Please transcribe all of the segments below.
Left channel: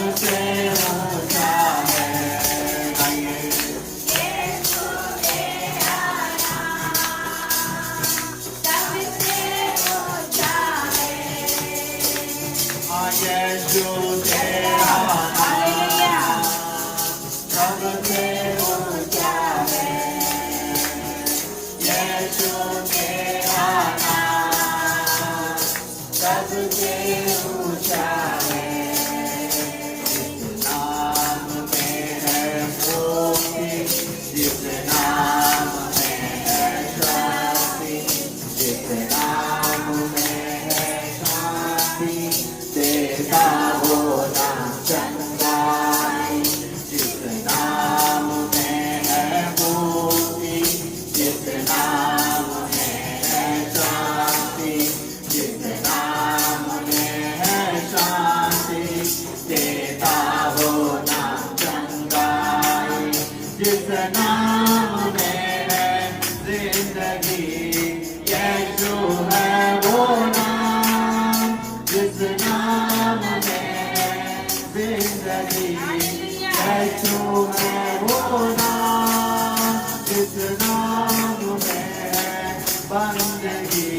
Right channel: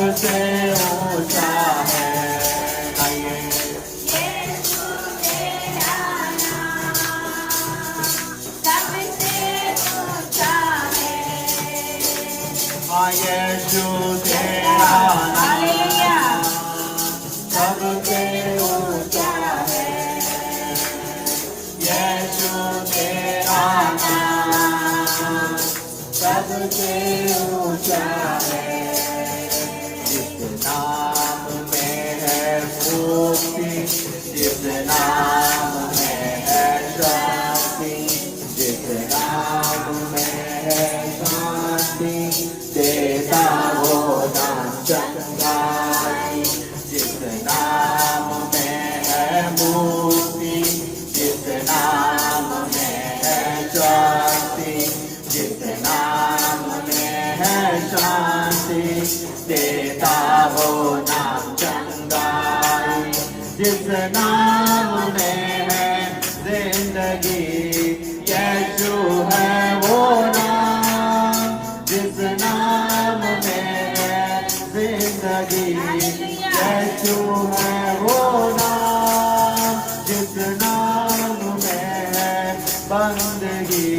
सबसे ऊंचा है। यीशु तेरा नाम सबसे ऊंचा है। यीशु तेरा नाम सबसे ऊंचा है। जिस नाम में है मुक्ति, जिस नाम में है शांति, जिस नाम में है शांति, देता वो नाम चंगाई। जिस नाम में है मुक्ति, जिस नाम में है शांति, जिस नाम में है शांति, देता वो नाम चंगाई। जिस नाम में है जिंदगी, यीशु है वो नाम। जिस नाम में है जिंदगी, यीशु है वो नाम। जिस नाम में है बंदगी,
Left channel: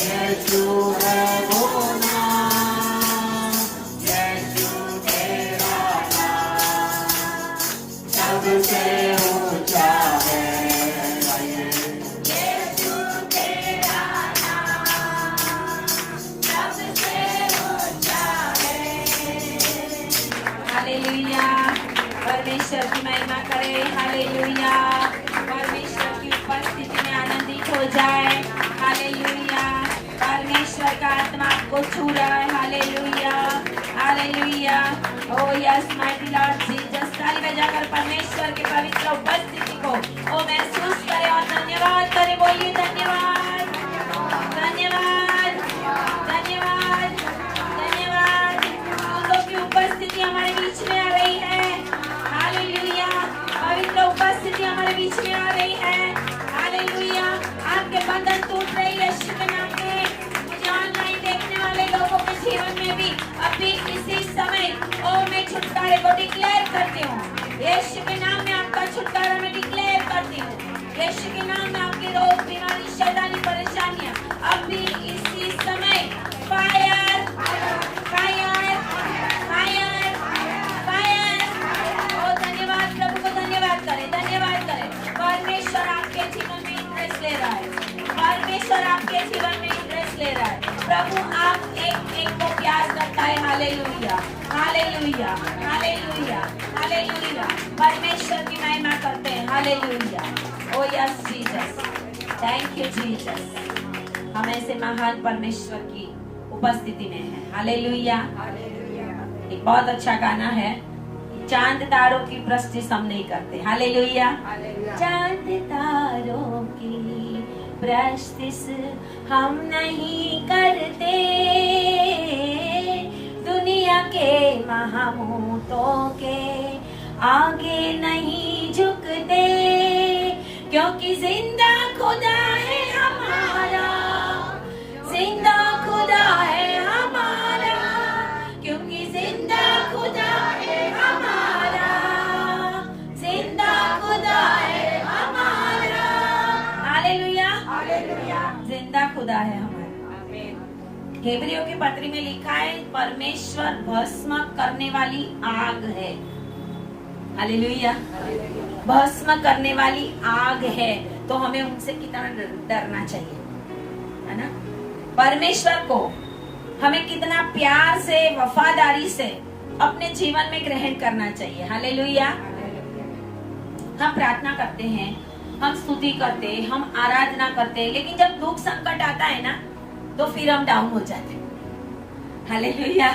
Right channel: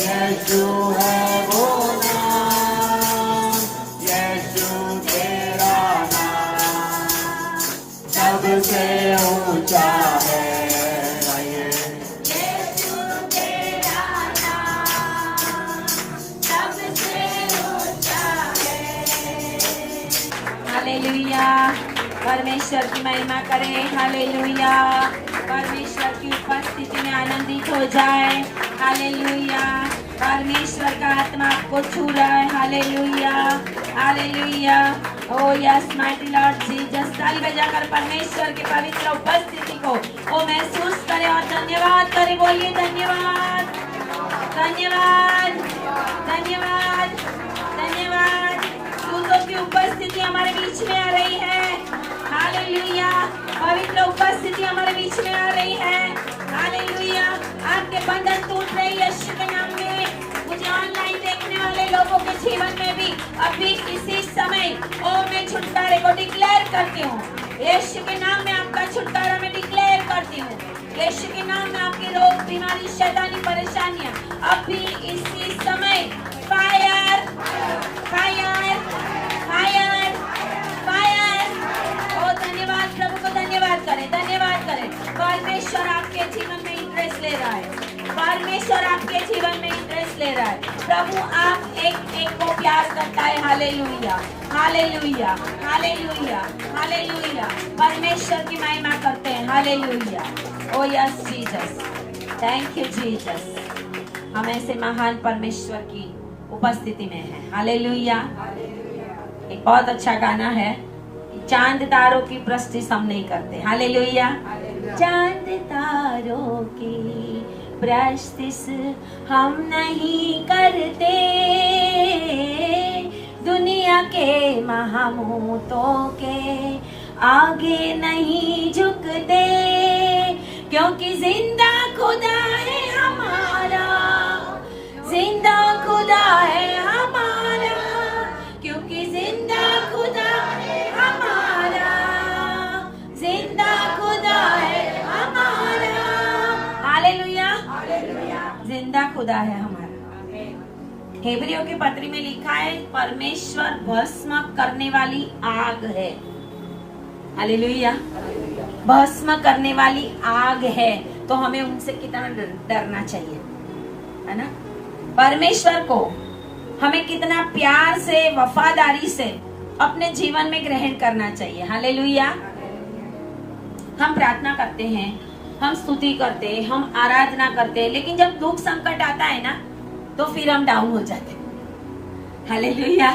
यीशु है वो नाम। यीशु तेरा नाम सबसे ऊंचा है। हालेलुया, परमेश्वर की महिमा करे। हालेलुया, परमेश्वर की उपस्थिति में आनंदित हो जाए। हालेलुया, परमेश्वर का आत्मा आपको छू रहा है। Hallelujah, hallelujah. ओ यस माइटी लॉर्ड जीसस। ताली बजाकर परमेश्वर की पवित्र उपस्थिति को ओ महसूस करें और धन्यवाद करें। बोलिए धन्यवाद, धन्यवाद, धन्यवाद, धन्यवाद। दूतों की उपस्थिति हमारे बीच में आ रही है। हालेलुया, पवित्र उपस्थिति हमारे बीच में आ रही है। हालेलुया, आपके बंधन टूट रहे हैं यीशु के नाम में। मुझे ऑनलाइन देखने वाले लोगों के जीवन में भी अभी इसी समय ओ मैं छुटकारे को डिक्लेयर करती हूँ। यीशु के नाम में आपका छुटकारा मैं डिक्लेयर करती हूँ। यीशु के नाम में आपके रोग, बीमारी, शैतानी परेशानियाँ अभी इसी समय फायर, फायर, फायर, फायर। ओ धन्यवाद, प्रभु को धन्यवाद करें, धन्यवाद करें। परमेश्वर आपके जीवन में इंटरेस्ट ले रहा है। परमेश्वर आपके जीवन में इंटरेस्ट ले रहा है। प्रभु आप एक एक को प्यार करता है। Hallelujah, hallelujah, hallelujah, hallelujah. परमेश्वर की महिमा करते हैं। Hallelujah. O yes Jesus, thank you Jesus. हम ऐसे महान परमेश्वर की उपस्थिति में हैं। हालेलुया। एक बहुत अच्छा गाना है, चांद तारों की प्रस्तिश हम नहीं करते। हालेलुया। चांद तारों की प्रस्तिश हम नहीं करते, दुनिया के महामूतों के आगे नहीं झुकते, क्योंकि जिंदा खुदा है हमारा, जिंदा खुदा है हमारा, क्योंकि जिंदा खुदा है हमारा, जिंदा खुदा है हमारा। हालेलुया, जिंदा खुदा है हमारा। हेब्रियों की पत्री में लिखा है परमेश्वर भस्म करने वाली आग है। हालेलुया, भस्म करने वाली आग है। तो हमें उनसे कितना डरना चाहिए, है ना। परमेश्वर को हमें कितना प्यार से, वफादारी से अपने जीवन में ग्रहण करना चाहिए। हालेलुया। हम प्रार्थना करते हैं, हम स्तुति करते हैं, हम आराधना करते हैं, लेकिन जब दुख संकट आता है ना तो फिर हम डाउन हो जाते हैं। हालेलुया।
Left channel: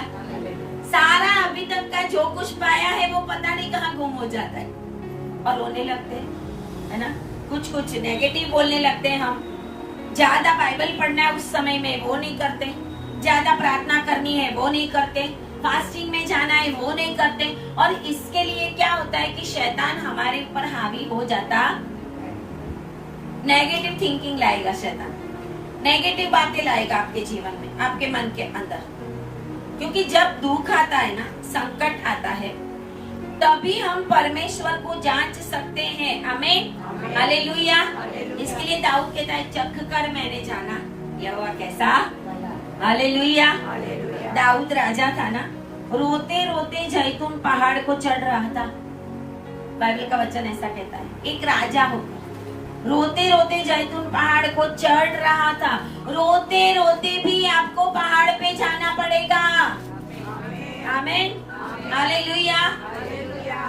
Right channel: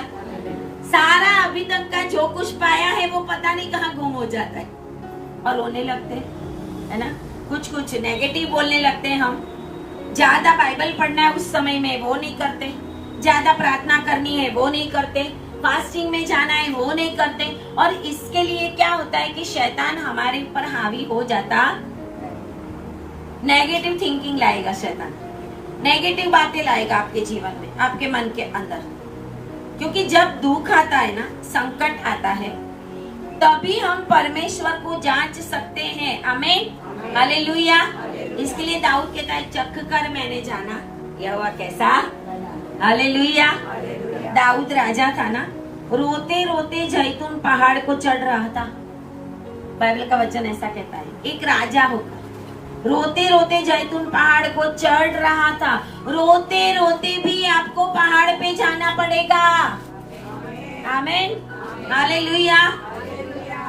सारा अभी तक का जो कुछ पाया है वो पता नहीं कहाँ गुम हो जाता है और रोने लगते हैं, है ना। कुछ कुछ नेगेटिव बोलने लगते हैं। हम ज्यादा बाइबल पढ़ना है उस समय में वो नहीं करते, ज्यादा प्रार्थना करनी है वो नहीं करते, फास्टिंग में जाना है वो नहीं करते। और इसके लिए क्या होता है कि शैतान हमारे ऊपर हावी हो जाता, नेगेटिव थिंकिंग लाएगा शैतान, नेगेटिव बातें लाएगा आपके जीवन में, आपके मन के अंदर। क्योंकि जब दुख आता है ना, संकट आता है, तभी हम परमेश्वर को जांच सकते हैं। आमीन, हालेलुया। इसके लिए दाऊद कहता है, चख कर मैंने जाना यहोवा कैसा। हालेलुया। दाऊद राजा था ना, रोते रोते जैतून पहाड़ को चढ़ रहा था। बाइबल का वचन ऐसा कहता है, एक राजा होता, रोते रोते जैतून पहाड़ को चढ़ रहा था। रोते रोते भी आपको पहाड़ पे जाना पड़ेगा। आमीन, हालेलुया।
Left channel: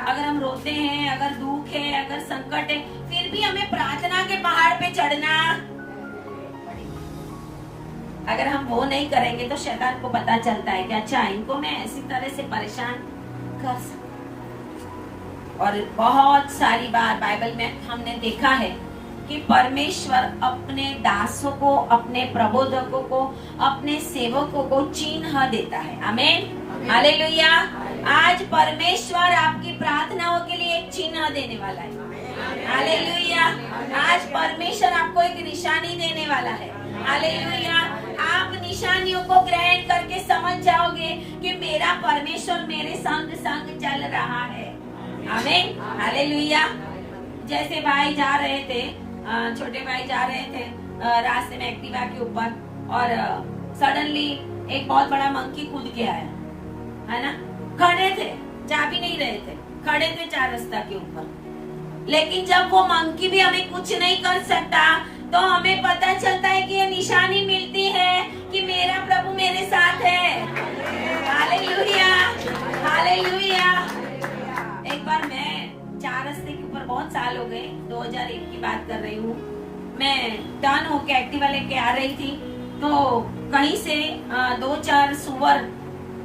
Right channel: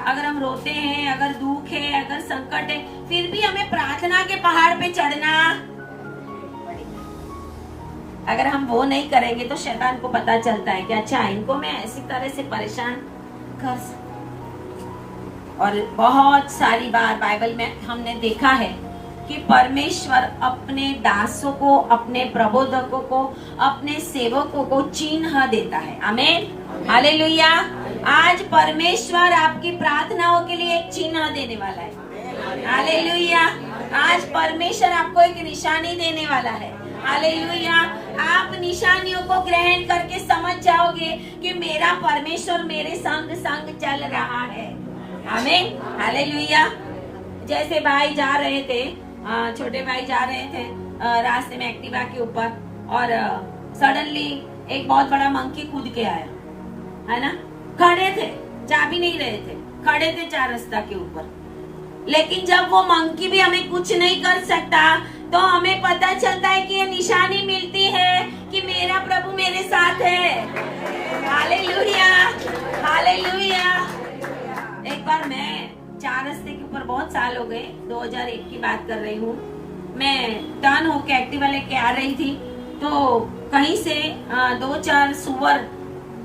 अगर हम रोते हैं, अगर दुख है, अगर संकट है, फिर भी हमें प्रार्थना के पहाड़ पे चढ़ना। अगर हम वो नहीं करेंगे तो शैतान को पता चलता है कि अच्छा, इनको मैं ऐसी तरह से परेशान कर सकता। और बहुत सारी बार बाइबल में हमने देखा है कि परमेश्वर अपने दासों को, अपने प्रबोधकों को, अपने सेवकों को चिन्ह देता है। आमीन, हालेलुया। आज परमेश्वर आपकी प्रार्थनाओं के लिए एक चिन्ह देने वाला है। हालेलुया। आज परमेश्वर आपको एक निशानी देने वाला है। हालेलुया। आप निशानियों को ग्रहण करके समझ जाओगे कि मेरा परमेश्वर मेरे संग संग चल रहा है। आमीन, हालेलुया। जैसे भाई जा रहे थे, छोटे भाई जा रहे थे रास्ते में एक्टिवा के ऊपर, और सडनली एक बहुत बड़ा मंकी कूद के आया, है ना। खड़े थे, जा भी नहीं रहे थे, खड़े थे चार रास्ता के ऊपर। लेकिन जब वो मंकी भी हमें कुछ नहीं कर सकता, तो हमें पता चलता है कि ये निशानी मिलती है कि मेरा प्रभु मेरे साथ है। Hallelujah, hallelujah. एक बार मैं चार रास्ते के ऊपर, बहुत साल हो गए, 2001 की बात कर रही हूँ, मैं टर्न होके एक्टिवा लेके आ रही थी, तो कहीं से 2-4 सुअर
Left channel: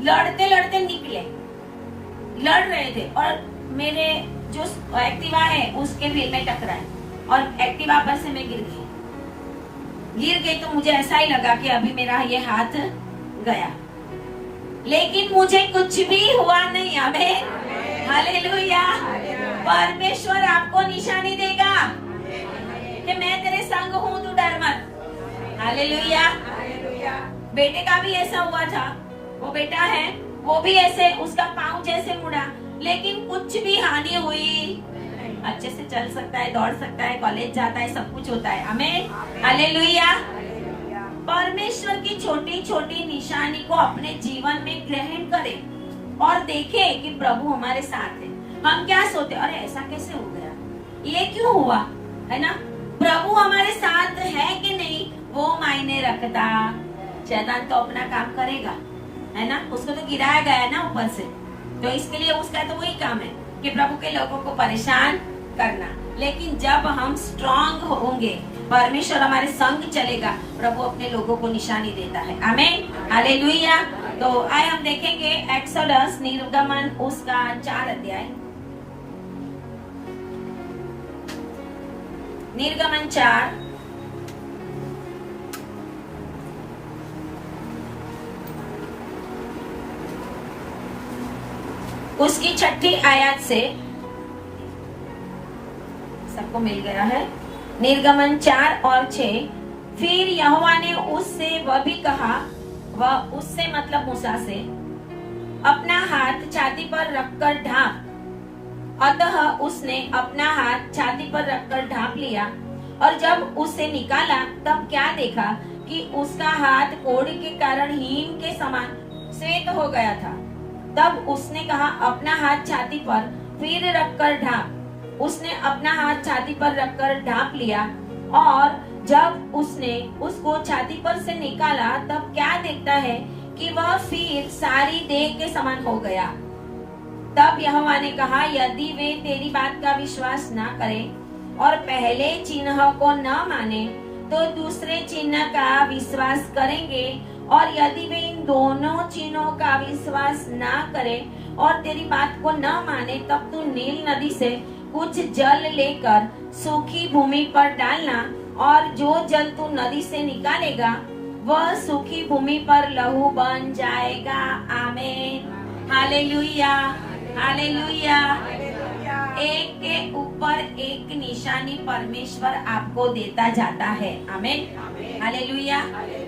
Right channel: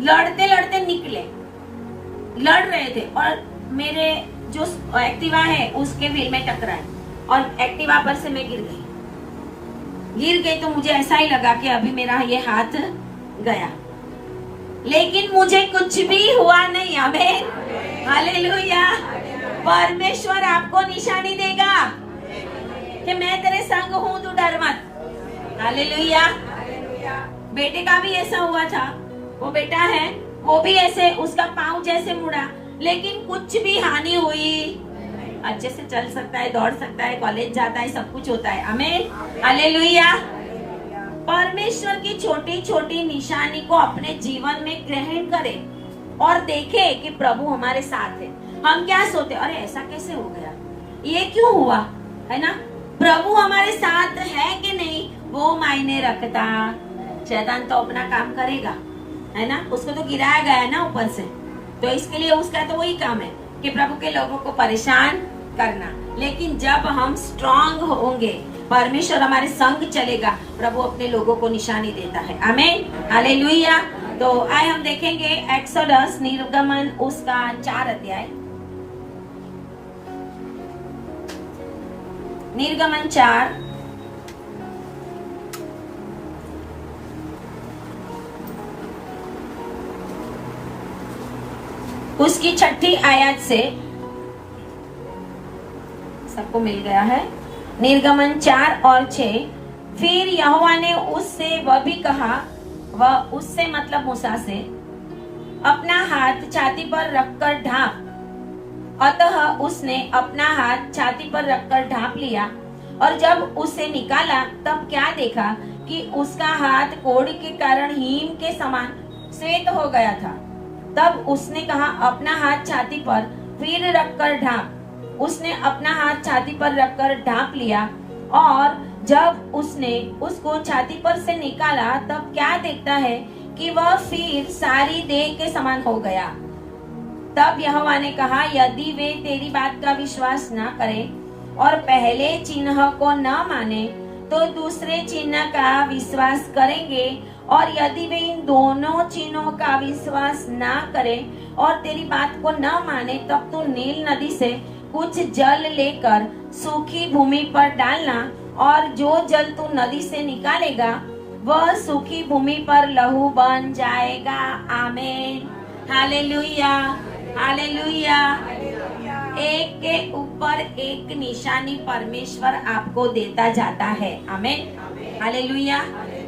लड़ते लड़ते निकले, लड़ रहे थे, और मेरे जो एक्टिवा है उसके व्हील में टकराए और एक्टिवा पर से मैं गिर गई। तो मुझे ऐसा ही लगा कि अभी मेरा ये हाथ गया, लेकिन मुझे कुछ भी हुआ नहीं। आमीन, हालेलुया। परमेश्वर आपको निशानी देगा कि मैं तेरे संग हूँ, तू डर मत। हालेलुया। बेटे का भी ऐसा हुआ था, वो बेटा है, वो भी ऐसे, उसका पाँव जैसे मुड़ा, लेकिन कुछ भी हानि हुई, अच्छे से चल सकता है, दौड़ सकता है, कॉलेज जाता है, सब कुछ होता है। आमीन, हालेलुया। परमेश्वर की छोटी छोटी निशानी को अपने जीवन में ग्रहण करें और देखें कि प्रभु हमारे साथ है। हम क्या सोचते, अरे ऐसा कैसे हो गया, ये क्यों हुआ, है ना। प्रभु हमारे साथ है कि नहीं वो मायने रखता। शैतान तो अपना काम करेगा, है ना, उसको तो गिराया गया है ना ऊपर से, तो इसके लिए उसका तो वही काम है कि प्रभु के लोगों को परेशान करना। लेकिन जब हम स्ट्रांग होंगे, परमेश्वर हमारे संग चलेगा, प्रभु अपने लोगों को निशानी देता है। आमीन, हालेलुया। तो आए हम देखेंगे एक्सोडस, निर्गमन उसका 4 अध्याय, निर्गमन 4 उसकी 6ठी आयत से, सबको मिल गया है। निर्गमन 4 और 6। फिर यहोवा ने उससे वह भी कहा, वह उससे मतलब मूसा से, अपना हाथ छाती पर रखकर ढांप। अतः उसने अपना हाथ छाती पर रखकर ढांप लिया, और जब उसे निकाला तब क्या देखा कि उसका हाथ कोढ़ के कारण हिम के समान श्वेत हो गया था। तब उसने कहा, अपना हाथ छाती पर फिर रखकर ढांप। उसने अपना हाथ छाती पर रखकर ढांप लिया, और जब उसने उसको छाती पर से निकाला तब क्या देखता है कि वह फिर सारी देह के समान हो गया। तब यहोवा ने कहा, यदि वे तेरी बात का विश्वास न करें और पहले चिन्ह को न माने, तो दूसरे चिन्ह का विश्वास करेंगे। और यदि वे इन दोनों चिन्हों का विश्वास न करें और तेरी बात को न माने, तब तू नील नदी से कुछ जल लेकर सूखी भूमि पर डालना, और जो जल तू नदी से निकालेगा वह सूखी भूमि पर लहू बन जाएगा। आमीन, हालेलुया, हालेलुया। एक के ऊपर एक निशानी परमेश्वर आपको देता जाता है। आमीन, हालेलुया।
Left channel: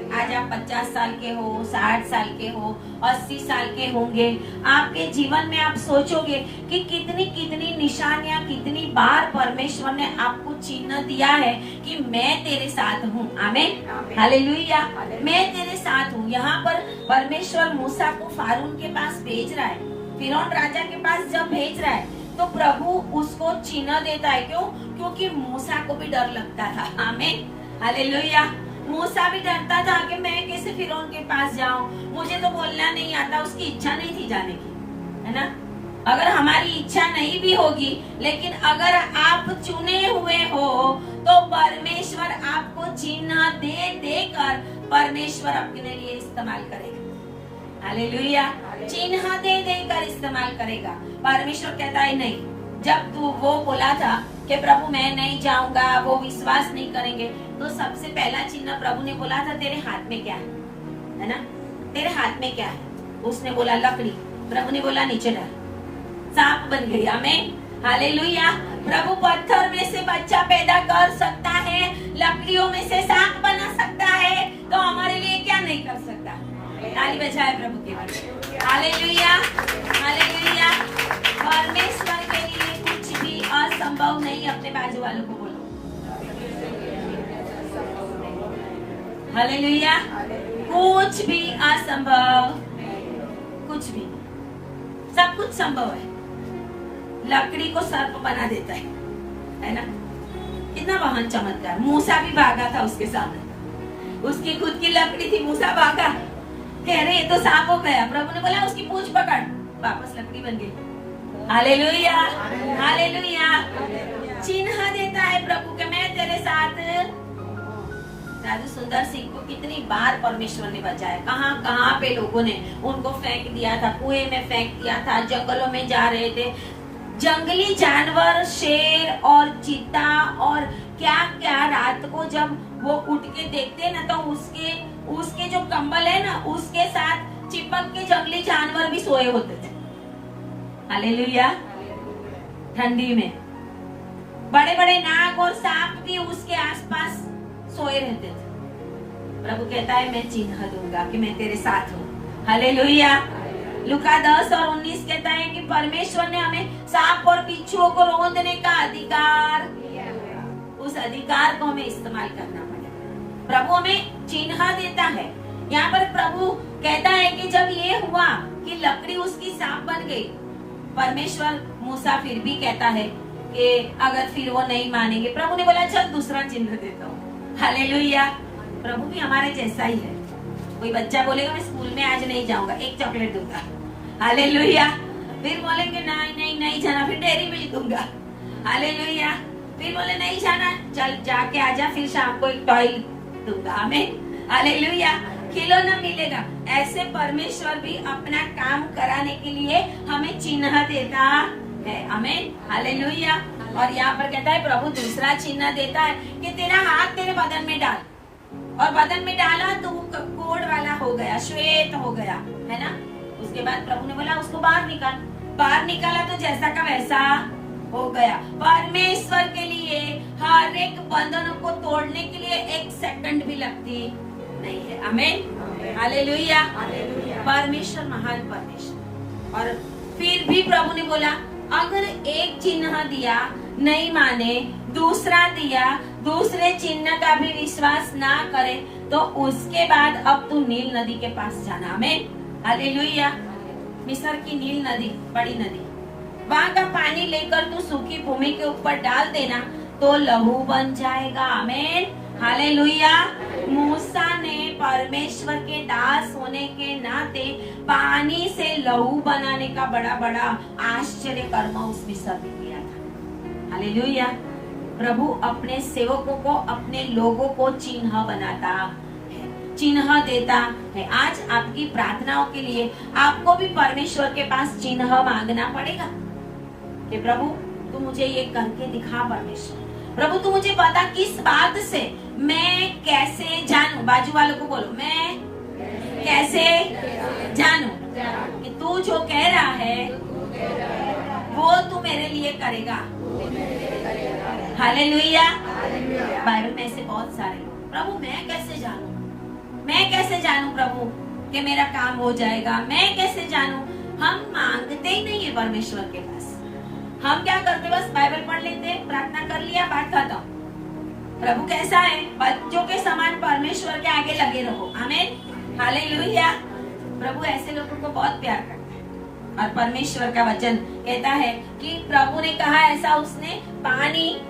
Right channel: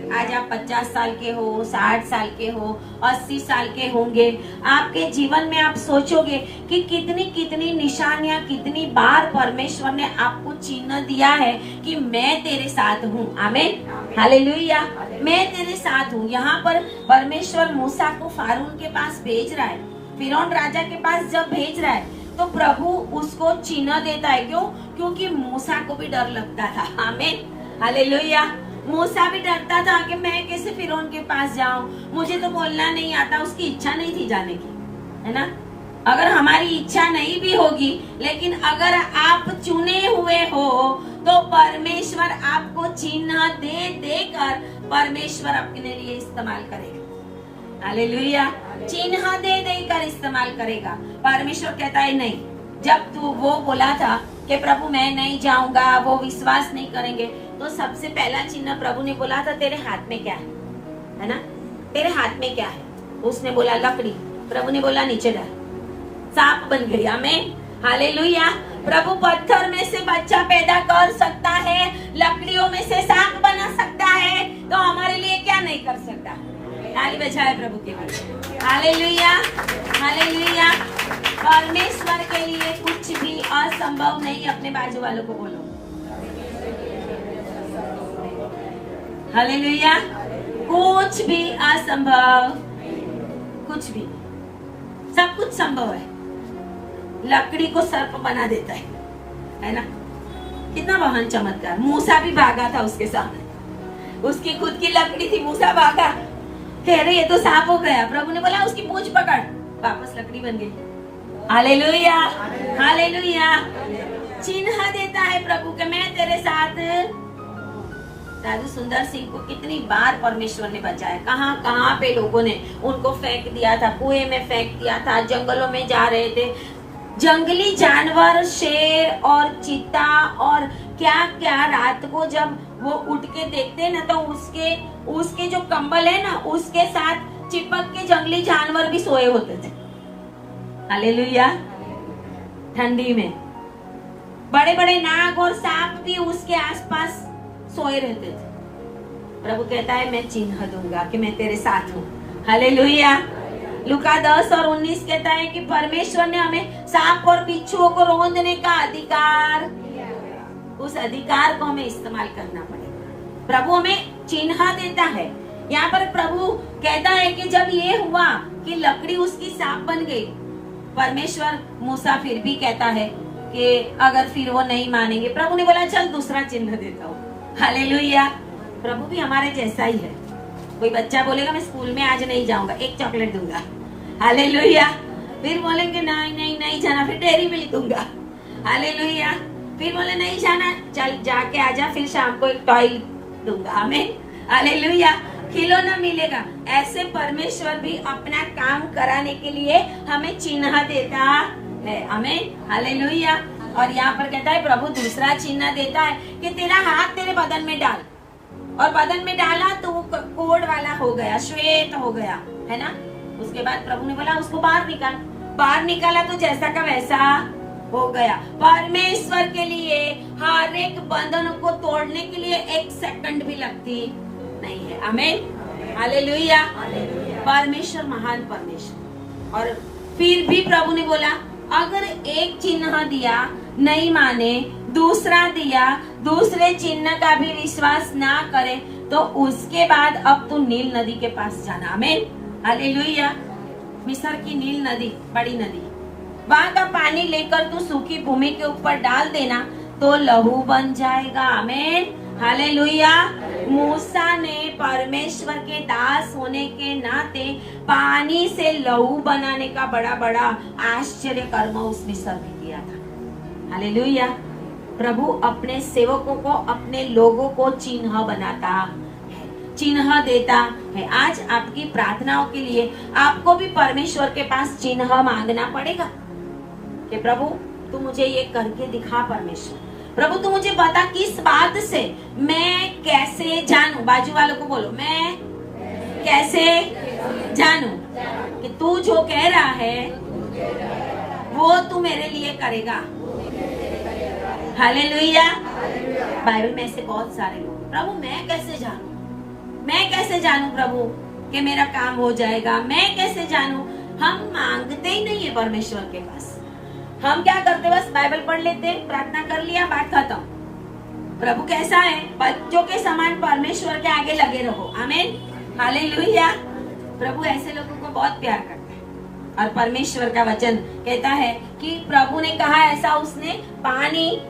आज आप 50 साल के हो, 60 साल के हो, 80 साल के होंगे, आपके जीवन में आप सोचोगे कि कितनी कितनी निशानियां, कितनी बार परमेश्वर ने आपको चिन्ह दिया है कि मैं तेरे साथ हूँ। आमीन, हालेलुया, मैं तेरे साथ हूँ। यहाँ पर परमेश्वर मूसा को फारून के पास भेज रहा है, फिरौन राजा के पास जब भेज रहा है तो प्रभु उसको चिन्ह देता है। क्यों? क्योंकि मूसा को भी डर लगता था। आमीन, हालेलुया, मूसा भी डरता था कि मैं कैसे फिरौन के पास जाऊं, मुझे तो बोलना नहीं आता। उसकी इच्छा नहीं थी जाने की, है ना। अगर हमारी इच्छा नहीं भी होगी, लेकिन अगर आप चुने हुए हो तो परमेश्वर आपको चिन्ह दे देकर परमेश्वर अपने लिए इस्तेमाल करेगा। हालेलुया, चिन्ह दे देकर इस्तेमाल करेगा। परमेश्वर कहता है नहीं, जब तू वो बोला था कि प्रभु मैं नहीं जाऊंगा, वो विश्वास नहीं करेंगे, तो सबसे पहला चिन्ह प्रभु ने बोला था तेरे हाथ में क्या है ना, तेरे हाथ में क्या है? उसने बोला लकड़ी। प्रभु ने बोला नीचे डर, सांप बन गई। आमीन, हालेलुया। प्रभु पत्थर में से बच्चा पैदा कर सकता है, लकड़ियों में से सांप बना सकता है, तो हमारे लिए क्या नहीं कर सकता? ताली बजाए प्रभु के लिए। Hallelujah, hallelujah. परमेश्वर के लिए कुछ भी असंभव नहीं। अपने बाजू वालों को बोलो हालेलुया, कुछ भी असंभव, कुछ भी, सब कुछ संभव है। लकड़ी को सर्प बना देता है ना। कितना महान चमत्कार। मूसा भी भागा था उसके साथ, उसकी खुद की लकड़ी थी, मूसा भागा, कह रहे ये तो सांप हो गया। प्रभु ने बोला उसकी पूंछ पकड़, वापस लकड़ी बन गई। Hallelujah, hallelujah. चिन्ह देता है प्रभु के मैं तेरे साथ। साधु सुंदर सिंह को कितनी बार परमेश्वर ने बचाया। कहाँ कहाँ पे लोगों ने उनको फेंक दिया था, कुएं में फेंक दिया था, जंगलों में जा रहे थे। जंगली जानवर, शेर और चीता और क्या क्या, रात को जब वो उठ के देखते ना, तो उसके जो कंबल है ना, उसके साथ चिपक के जंगली जानवर भी सोए होते थे। हालेलुया। ठंडी में बड़े बड़े नाग और सांप भी उसके आसपास सोए रहते थे। प्रभु कहता है मैं चिन्ह दूंगा कि मैं तेरे साथ हूँ। हालेलुया। लूका 10 और 19 कहता है कि परमेश्वर ने हमें सांप और बिच्छुओं को रौंदने का अधिकार, उस अधिकार को हमें इस्तेमाल करना पड़ेगा। प्रभु हमें चिन्ह देता है। यहाँ पर प्रभु कहता है कि जब ये हुआ कि लकड़ी उसकी सांप बन गई, परमेश्वर मूसा फिर भी कहता है कि अगर फिर वो नहीं मानेंगे, प्रभु ने बोला चल दूसरा चिन्ह देता हूँ। हालेलुया। प्रभु भी हमारे जैसा ही है। कोई बच्चा बोलेगा मैं स्कूल में आज नहीं जाऊंगा, एक चॉकलेट दूंगा। हालेलुया। फिर बोलेंगे नहीं नहीं नहीं जाना, फिर डेयरी मिल्क दूंगा। हालेलुया। फिर बोले नहीं जाना, चल जाके आजा, फिर शाम को एक टॉय दूंगा। हमें हालेलुया, खिलौना मिलेगा। ऐसे परमेश्वर भी अपना काम कराने के लिए हमें चिन्ह देता है। हमें हालेलुया। और यहाँ पर कहता है प्रभु दूसरा चिन्ह देता है कि तेरा हाथ तेरे बदन में डाल, और बदन में डाला तो वो कोड वाला हो गया, श्वेत हो गया, है ना। उसके बाद प्रभु ने बोला उसको बाहर निकाल, बाहर निकाला तो जैसा का वैसा हो गया। परमेश्वर के लिए हर एक बंधन को तोड़ने के लिए एक सेकंड भी लगती नहीं है। आमीन, हालेलुया। परमेश्वर महान परमेश्वर। और फिर भी प्रभु ने बोला अगर एक चिन्ह दिया नहीं माने, दूसरा दिया, दूसरे चिन्ह का भी विश्वास ना करे, तो उसके बाद अब तू नील नदी के पास जाना। आमीन, हालेलुया। मिस्र की नील नदी, बड़ी नदी, वहाँ का पानी लेकर तू सूखी भूमि के ऊपर डाल देना तो लहू बन जाएगा। आमीन, हालेलुया। मूसा ने परमेश्वर के दास होने के नाते पानी से लहू बनाने का बड़ा बड़ा आश्चर्य कर्म उस मिस्र में किया था। हालेलुया। प्रभु अपने सेवकों को, अपने लोगों को चिन्ह बनाता है, चिन्ह देता है। आज आपकी प्रार्थनाओं के लिए आपको भी परमेश्वर के पास चिन्ह मांगना पड़ेगा कि प्रभु तू मुझे ये करके दिखा। परमेश्वर प्रभु तू मुझे बता किस बात से मैं कैसे जानूं। बाजू वालों को बोलो मैं कैसे जानूं कि तू जो कह रहा है वो तू मेरे लिए करेगा। हालेलुया। बाइबल में ऐसे बहुत सारे लोग, प्रभु मैं कैसे जानूं, मैं कैसे जानूं प्रभु कि मेरा काम हो जाएगा, मैं कैसे जानूं? हम मांगते ही नहीं है परमेश्वर के पास। हम क्या करते, बस बाइबल पढ़ लेते, प्रार्थना कर लिया, बात खत्म। प्रभु कैसा है? बच्चों के समान परमेश्वर के आगे लगे रहो। आमीन, हालेलुया। प्रभु ऐसे लोगों को बहुत प्यार करता है। और परमेश्वर का वचन कहता है कि प्रभु ने कहा ऐसा, उसने पानी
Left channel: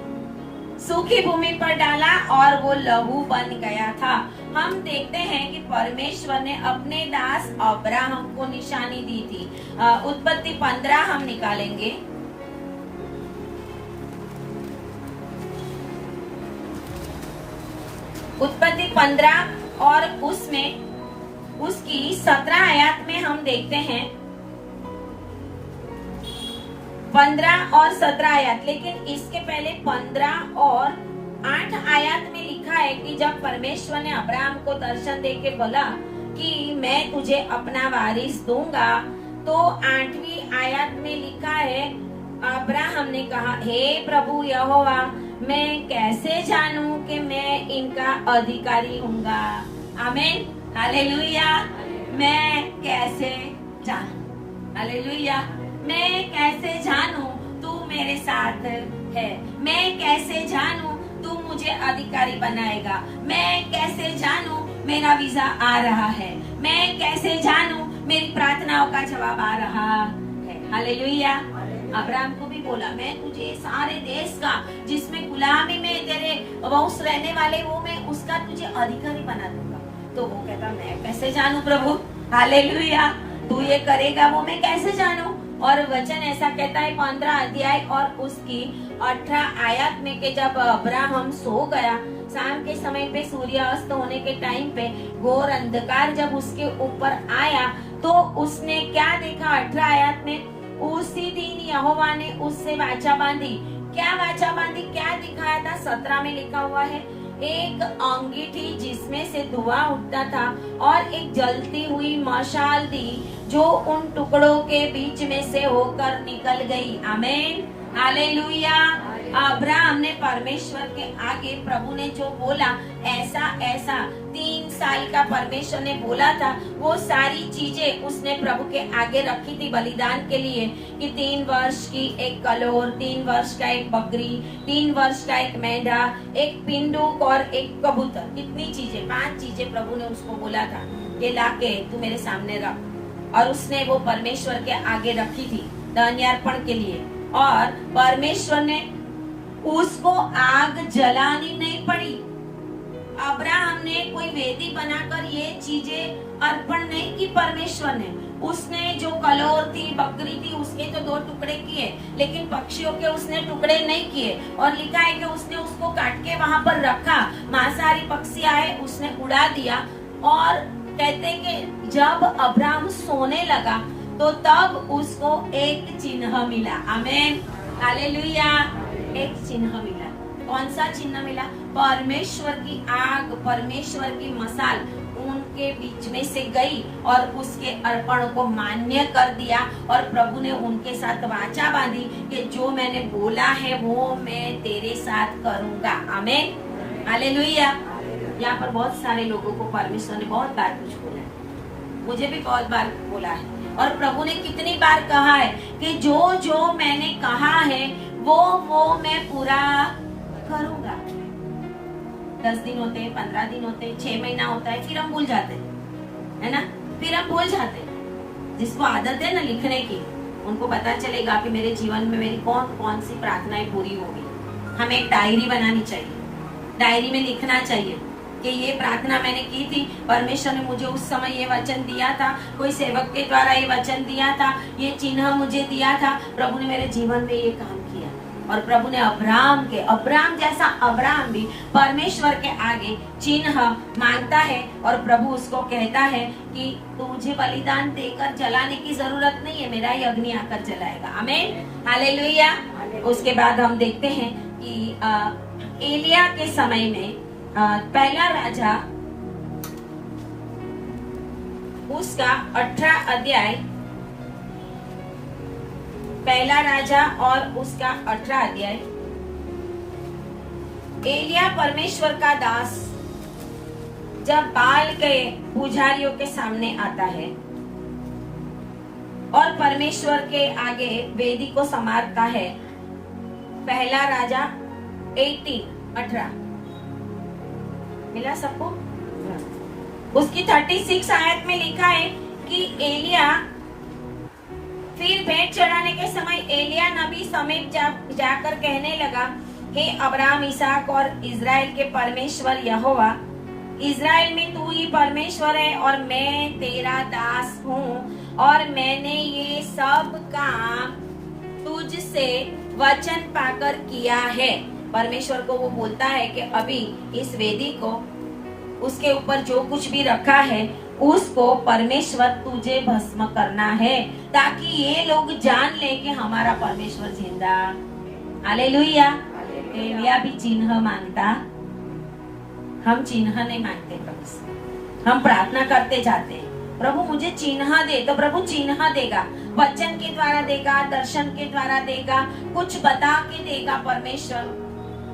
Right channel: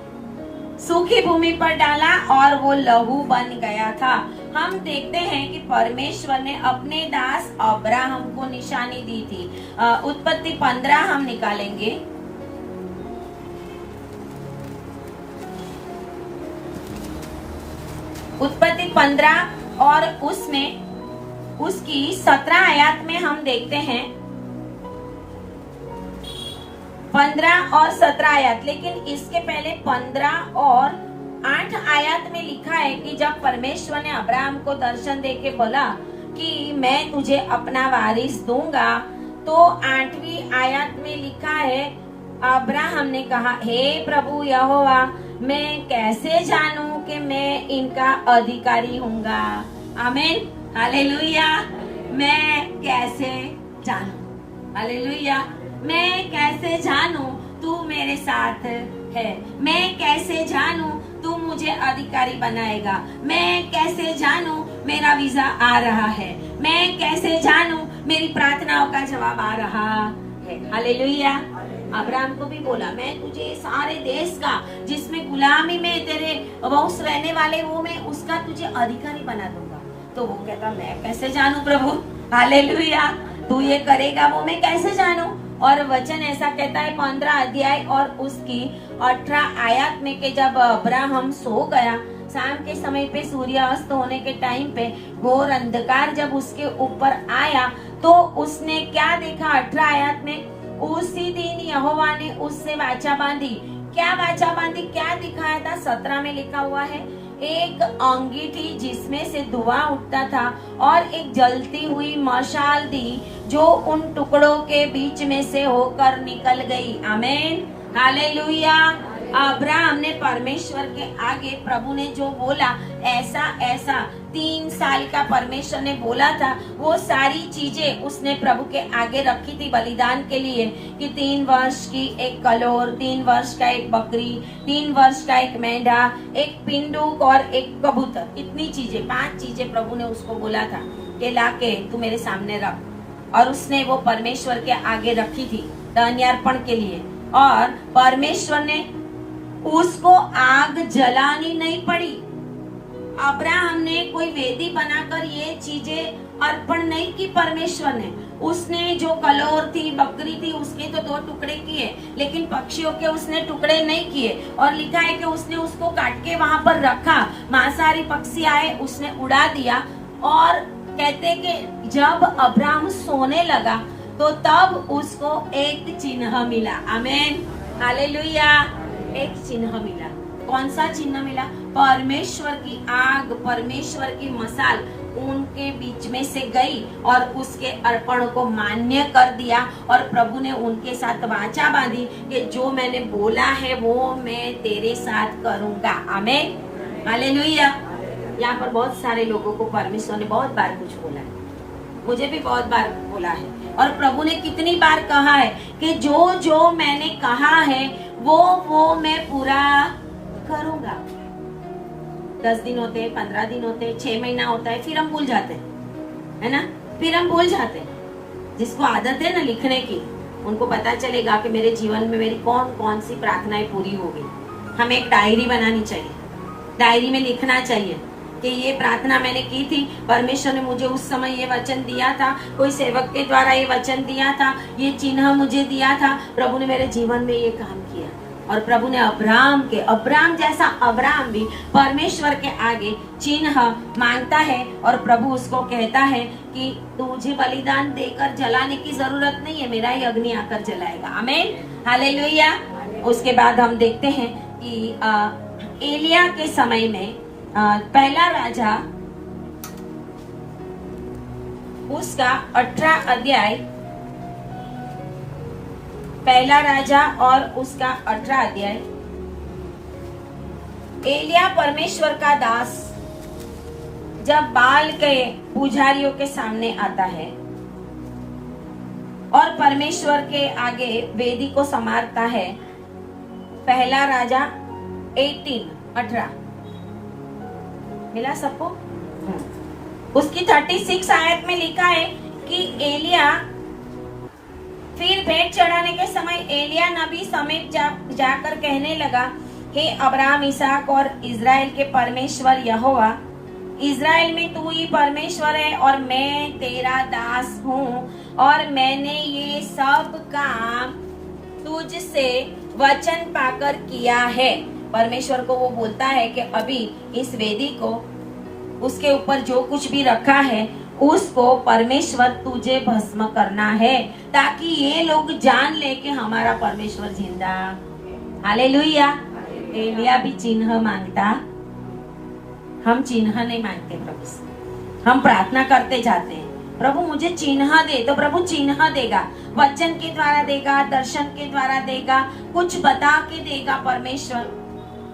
सूखी भूमि पर डाला और वो लहू बन गया था। हम देखते हैं कि परमेश्वर ने अपने दास अब्राहम को निशानी दी थी। उत्पत्ति 15 हम निकालेंगे। उत्पत्ति 15 और उसमें उसकी 17 आयत में हम देखते हैं, 15 और 17 आयत। लेकिन इसके पहले 15 और 8 आयत में लिखा है कि जब परमेश्वर ने अब्राहम को दर्शन देके बोला कि मैं तुझे अपना वारिस दूंगा, तो 8वीं आयत में लिखा है, अब्राहम ने कहा, हे प्रभु यहोवा, मैं कैसे जानूं कि मैं इनका अधिकारी हूँगा? आमीन, हालेलुया। मैं कैसे जानूं? हालेलुया। मैं कैसे जानूं तू मेरे साथ है? मैं कैसे जानूं तू मुझे अधिकारी बनाएगा? मैं कैसे जानूं मेरा वीजा आ रहा है? मैं कैसे जानूं मेरी प्रार्थनाओं का जवाब आ रहा है? हालेलुया। अब्राहम को भी बोला, मैं तुझे सारे देश का जिसमें गुलामी में तेरे वंश रहने वाले वो मैं उसका तुझे अधिकारी बना दूंगा। तो वो कहता, मैं कैसे जानूं प्रभु? हालेलुया। तू ये करेगा वो मैं कैसे जानूं? और वचन ऐसा कहता है 15 अध्याय और उसकी 18 आयत में कि जब अब्राहम सो गया, शाम के समय पे सूर्यास्त होने के टाइम पे घोर अंधकार जब उसके ऊपर आया, तो उसने क्या देखा? 18 आयत में, उसी दिन यहोवा ने उससे वाचा बांधी। क्या वाचा बांधी? क्या दिखाया था? 17 में लिखा हुआ है, एक अंगीठी जिसमें से धुआं उठता था और एक जलती हुई मशाल दी जो उन टुकड़ों के बीच में से होकर निकल गई। आमीन, हालेलुया। अब्राहम ने परमेश्वर के आगे प्रभु ने जो बोला ऐसा ऐसा 3 साल का परमेश्वर ने बोला था, वो सारी चीजें उसने प्रभु के आगे रखी थी बलिदान के लिए कि 3 वर्ष की एक कलोर, 3 वर्ष का एक बकरी, 3 वर्ष का एक मेंढा, एक पिंडूक और एक कबूतर। इतनी चीजें, 5 चीजें प्रभु ने उसको बोला था कि लाके तू मेरे सामने रख। और उसने वो परमेश्वर के आगे रखी थी धन्यार्पण के लिए। और परमेश्वर ने उसको आग जलानी नहीं पड़ी। अब्राहम ने कोई वेदी बनाकर ये चीजें अर्पण नहीं की परमेश्वर ने। उसने जो कलोर थी, बकरी थी, उसके तो 2 टुकड़े किए, लेकिन पक्षियों के उसने टुकड़े नहीं किए। और लिखा है कि उसने उसको काट के वहां पर रखा, मांसाहारी पक्षी आए उसने उड़ा दिया। और कहते कि जब अब्राहम सोने लगा तो तब उसको एक चिन्ह मिला। आमीन, हालेलुया। एक चिन्ह मिला। कौन सा चिन्ह मिला? परमेश्वर की आग, परमेश्वर की मसाल उनके बीच में से गई और उसके अर्पण को मान्य कर दिया। और प्रभु ने उनके साथ वाचा बांधी कि जो मैंने बोला है वो मैं तेरे साथ करूंगा। आमीन, हालेलुया। यहाँ पर बहुत सारे लोगों को परमेश्वर ने बहुत बार कुछ बोला है, मुझे भी बहुत बार बोला है। और प्रभु ने कितनी बार कहा है कि जो जो मैंने कहा है वो मैं पूरा करूंगा। 10 दिन होते हैं, 15 दिन होते हैं, 6 महीना होता है, फिर हम भूल जाते हैं, है ना? फिर हम भूल जाते हैं। जिसको आदत है ना लिखने की, उनको पता चलेगा कि मेरे जीवन में मेरी कौन कौन सी प्रार्थनाएं पूरी हो गई। हमें एक डायरी बनानी चाहिए, डायरी में लिखना चाहिए कि ये प्रार्थना मैंने की थी, परमेश्वर ने मुझे उस समय ये वचन दिया था, कोई सेवक के द्वारा ये वचन दिया था, ये चिन्ह मुझे दिया था, प्रभु ने मेरे जीवन में ये काम किया। और प्रभु ने अब्राहम जैसा अब्राहम भी परमेश्वर के आगे चिन्ह मांगता है। और प्रभु उसको कहता है कि तुझे बलिदान देकर जलाने की जरूरत नहीं है, मेरा ही अग्नि आकर जलाएगा। आमीन, हालेलुया। उसके बाद हम देखते हैं कि एलिया के समय में पहला राजा उसका 18 अध्याय, पहला राजा और उसका 18 अध्याय। एलिया परमेश्वर का दास जब बाल के पुजारियों के सामने आता है और परमेश्वर के आगे वेदी को संवारता है, पहला राजा 18 मिला सबको? उसकी 36 आयत में लिखा है कि एलिया फिर भेंट चढ़ाने के समय एलिया नबी समीप जाकर कहने लगा, हे अब्राहम, इसहाक और इजराइल के परमेश्वर यहोवा, इजराइल में तू ही परमेश्वर है और मैं तेरा दास हूँ और मैंने ये सब काम तुझसे वचन पाकर किया है। परमेश्वर को वो बोलता है कि अभी इस वेदी को, उसके ऊपर जो कुछ भी रखा है उसको परमेश्वर तुझे भस्म करना है, ताकि ये लोग जान ले कि हमारा परमेश्वर जिंदा। हालेलुया। एलिया भी चिन्ह मांगता, हम चिन्ह नहीं मांगते प्रभु से, हम प्रार्थना करते जाते हैं, प्रभु मुझे चिन्ह दे, तो प्रभु चिन्ह देगा, वचन के द्वारा देगा, दर्शन के द्वारा देगा, कुछ बता के देगा। परमेश्वर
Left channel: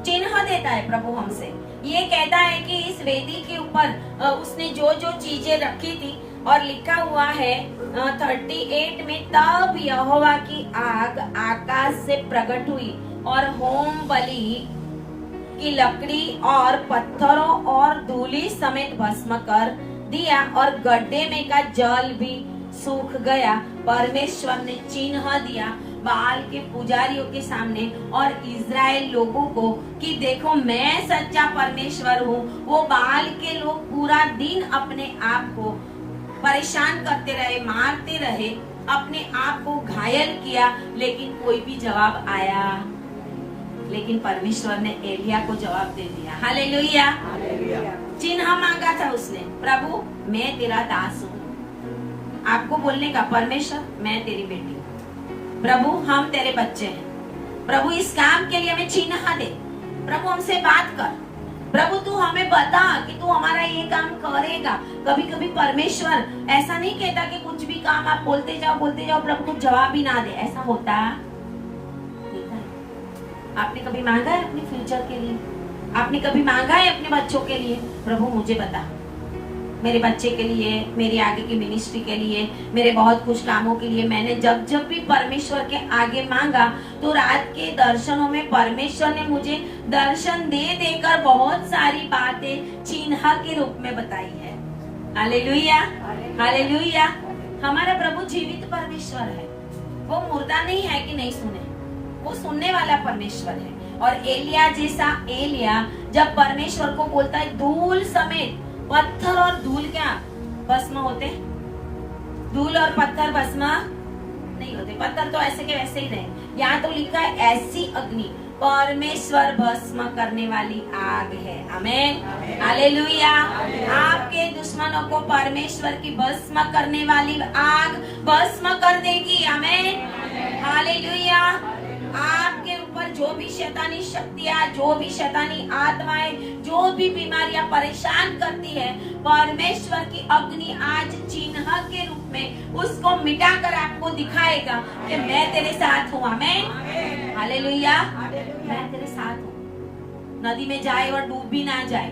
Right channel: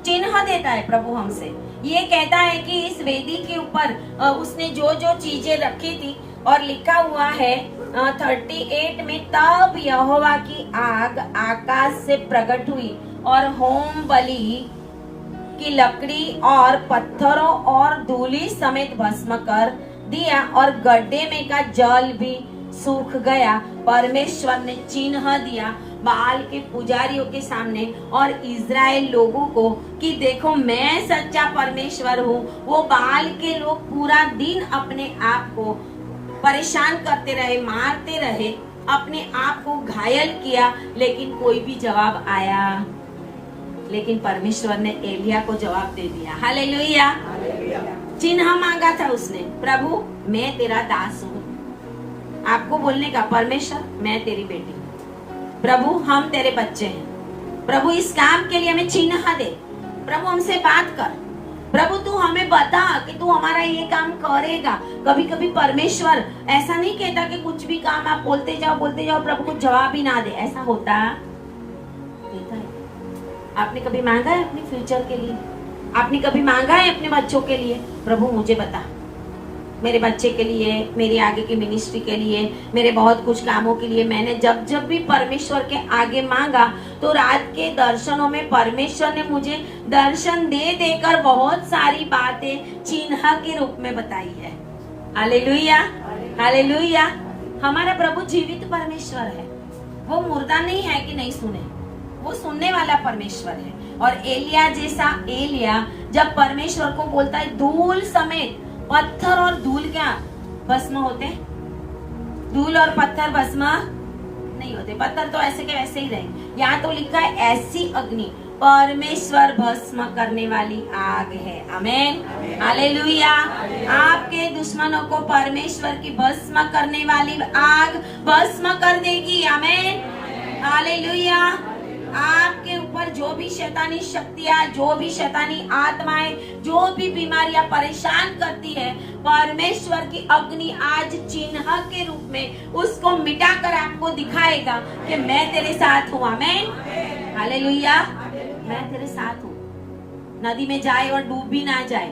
चिन्ह देता है प्रभु हमसे। ये कहता है कि इस वेदी के ऊपर उसने जो जो चीजें रखी थी, और लिखा हुआ है 38 में, तब यहोवा की आग आकाश से प्रकट हुई और होम बलि की लकड़ी और पत्थरों और धूली समेत भस्म कर दिया और गड्ढे में का जल भी सूख गया। परमेश्वर ने चिन्ह दिया बाल के पुजारियों के सामने और इजराइल लोगों को कि देखो मैं सच्चा परमेश्वर हूँ। वो बाल के लोग पूरा दिन अपने आप को परेशान करते रहे, मारते रहे, अपने आप को घायल किया, लेकिन कोई भी जवाब आया। लेकिन परमेश्वर ने एलिया को जवाब दे दिया। हालेलुया। चिन्ह मांगा था उसने, प्रभु मैं तेरा दास हूँ। आपको बोलने का, परमेश्वर मैं तेरी बेटी हूँ, प्रभु हम तेरे बच्चे हैं, प्रभु इस काम के लिए हमें चिन्ह दे, प्रभु हमसे बात कर, प्रभु तू हमें बता कि तू हमारा ये काम करेगा। कभी कभी परमेश्वर ऐसा नहीं कहता कि कुछ भी काम आप बोलते जाओ प्रभु कुछ जवाब ही ना दे, ऐसा होता है? आपने कभी मांगा है अपने फ्यूचर के लिए? आपने कभी मांगा है अपने बच्चों के लिए, प्रभु मुझे बता, मेरे बच्चे के लिए, मेरी आगे की मिनिस्ट्री के लिए, मेरे बहुत कुछ कामों के लिए? मैंने जब जब भी परमेश्वर के आगे मांगा तो रात के दर्शनों में परमेश्वर ने मुझे दर्शन दे देकर बहुत सारी बातें चिन्ह के रूप में बताई है। Hallelujah, hallelujah. हमारा प्रभु जीवित परमेश्वर है, वो मुर्दा नहीं है कि नहीं सुने, वो सुनने वाला परमेश्वर है। और एलिया जैसा एलिया जब परमेश्वर को बोलता है, धूल समेत पत्थर और धूल क्या भस्म होते? धूल और पत्थर भस्म नहीं होते, पत्थर तो ऐसे के वैसे ही रहे। यहाँ तो लिखा है ऐसी अग्नि परमेश्वर भस्म करने वाली आग है। आमेन, हालेलुया। आपके दुश्मनों को परमेश्वर की भस्म करने वाली आग भस्म कर देगी। आमेन, हालेलुया। आपके ऊपर जो भी शैतानी शक्तियां, जो भी शैतानी आत्माएं, जो भी बीमारियां परेशान करती है, परमेश्वर की अग्नि आज चिन्ह के रूप में उसको मिटाकर आपको दिखाएगा कि मैं तेरे साथ हूँ। आमेन, हालेलुया। मैं तेरे साथ हूँ। नदी में जाए और डूब भी ना जाए,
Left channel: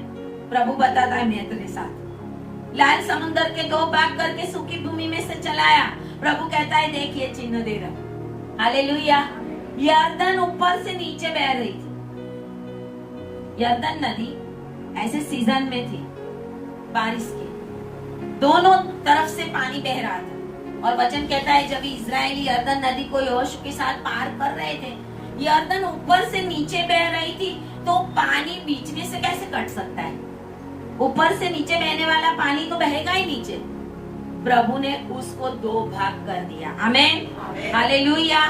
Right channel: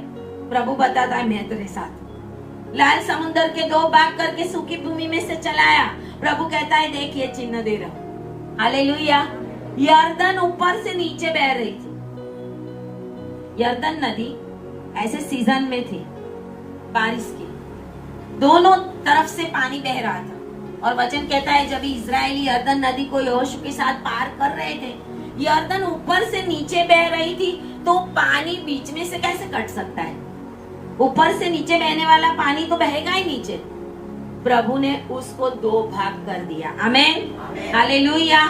प्रभु बताता है मैं तेरे साथ हूँ। लाल समुद्र के 2 भाग करके सूखी भूमि में से चलाया, प्रभु कहता है देखिए चिन्ह दे रहा हूँ। हालेलुया। यर्दन ऊपर से नीचे बह रही थी। यर्दन नदी ऐसे सीजन में थी बारिश की, दोनों तरफ से पानी बह रहा था। और वचन कहता है जब इजरायली यर्दन नदी को यहोशू के साथ पार कर रहे थे, यर्दन ऊपर से नीचे बह रही थी, तो पानी बीच में से कैसे कट सकता है? ऊपर से नीचे बहने वाला पानी तो बहेगा ही नीचे। प्रभु ने उसको 2 भाग कर दिया। आमेन, हालेलुया।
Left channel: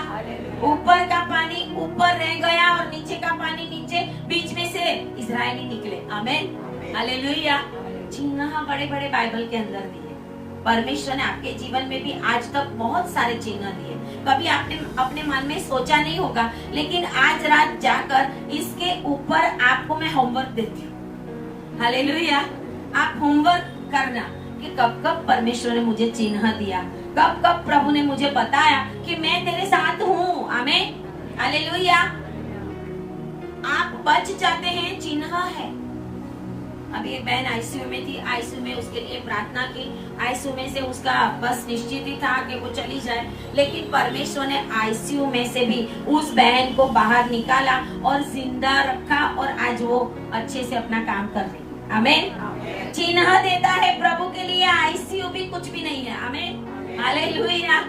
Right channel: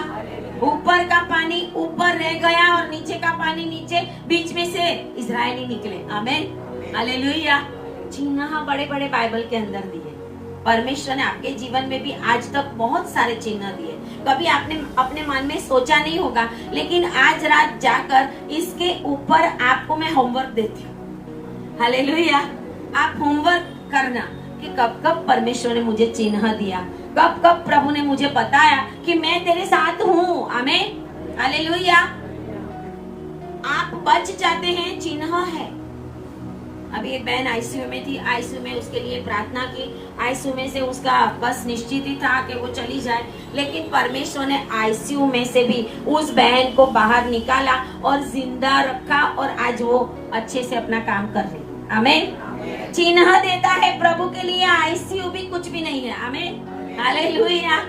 ऊपर का पानी ऊपर रह गया और नीचे का पानी नीचे, बीच में से इजरायली निकले। आमेन, हालेलुया। चिन्ह बड़े बड़े बाइबल के अंदर दिए। परमेश्वर ने आपके जीवन में भी आज तक बहुत सारे चिन्ह दिए। कभी आपने अपने मन में सोचा नहीं होगा, लेकिन आज रात जाकर इसके ऊपर आपको मैं होमवर्क देती हूँ। हालेलुया। आप होमवर्क करना कि कब कब परमेश्वर ने मुझे चिन्ह दिया, कब कब प्रभु ने मुझे बताया कि मैं तेरे साथ हूँ। आमेन, हालेलुया। आप बच जाते हैं, चिन्ह है। अभी एक बहन आईसीयू में थी, आईसीयू में उसके लिए प्रार्थना की, आईसीयू में से उसका बस निश्चित ही था कि वो चली जाए, लेकिन परमेश्वर ने आईसीयू में से भी उस बहन को बाहर निकाला और जिंदा रखा और आज वो अच्छे से अपना काम कर रही है। आमीन। चिन्ह देता है प्रभु के लिए, आईसीयू भी कुछ भी नहीं है। आमीन, हालेलुया।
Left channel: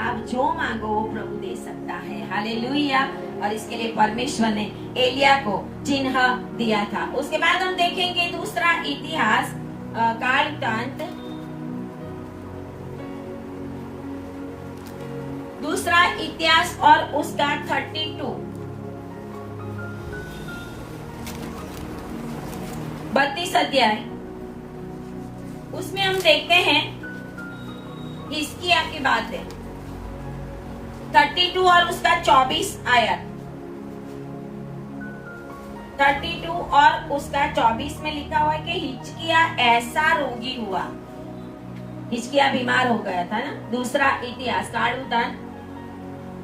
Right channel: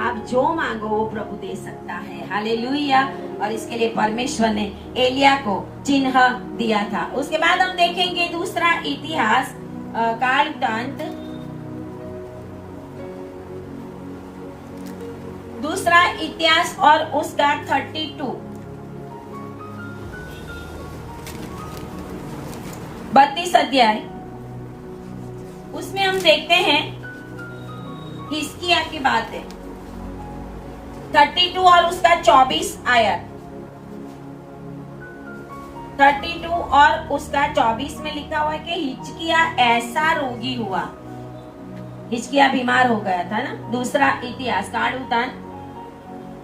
आप जो मांगो वो प्रभु दे सकता है। हालेलुया। और इसके लिए परमेश्वर ने एलिया को चिन्ह दिया था। उसके बाद हम देखेंगे दूसरा इतिहास काल वृत्तांत, दूसरा इतिहास और उसका 32 अध्याय। उसमें हम देखते हैं हिजकिय्याह की बात है। 32 और उसका 24 आयत, 32 और उसका 24 में लिखा हुआ है कि हिजकिय्याह ऐसा रोगी हुआ, हिजकिय्याह बीमार हो गया था ना। दूसरा इतिहास काल वृत्तांत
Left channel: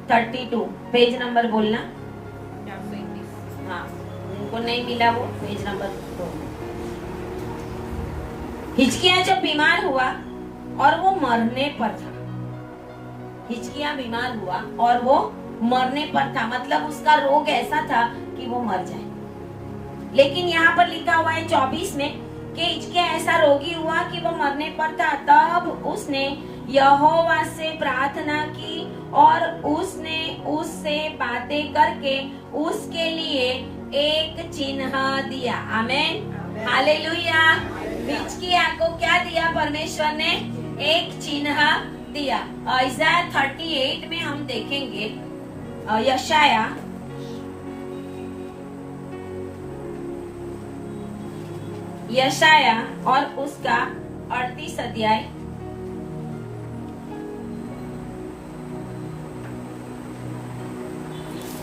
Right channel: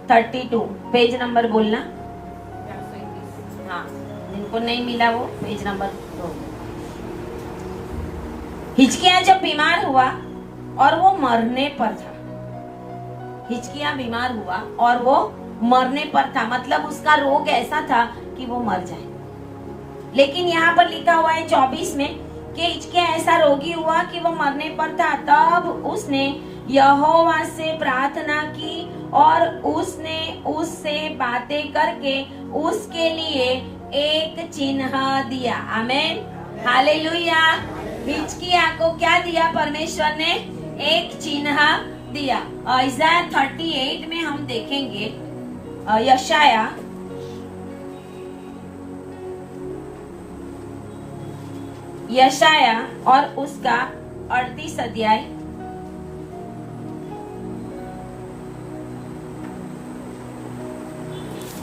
32, पेज नंबर बोलना। हाँ, उनको नहीं मिला वो पेज नंबर तो। हिजकिय्याह जब बीमार हुआ और वो मरने पर था, हिजकिय्याह बीमार हुआ और वो मरने पर था, मतलब उसका रोग ऐसा था कि वो मर जाए। लेकिन यहाँ पर लिखा हुआ है 24 में कि हिजकिय्याह ऐसा रोगी हुआ कि वो मरने पर था। तब उसने यहोवा से प्रार्थना की और उसने उससे बातें करके उसके लिए एक चिन्ह दिया। आमीन, हालेलुया। हिजकिय्याह को क्या दिया परमेश्वर ने? एक चिन्ह दिया। इज़ाया 38 में हम देखेंगे, यशाया और उसका 38 अध्याय।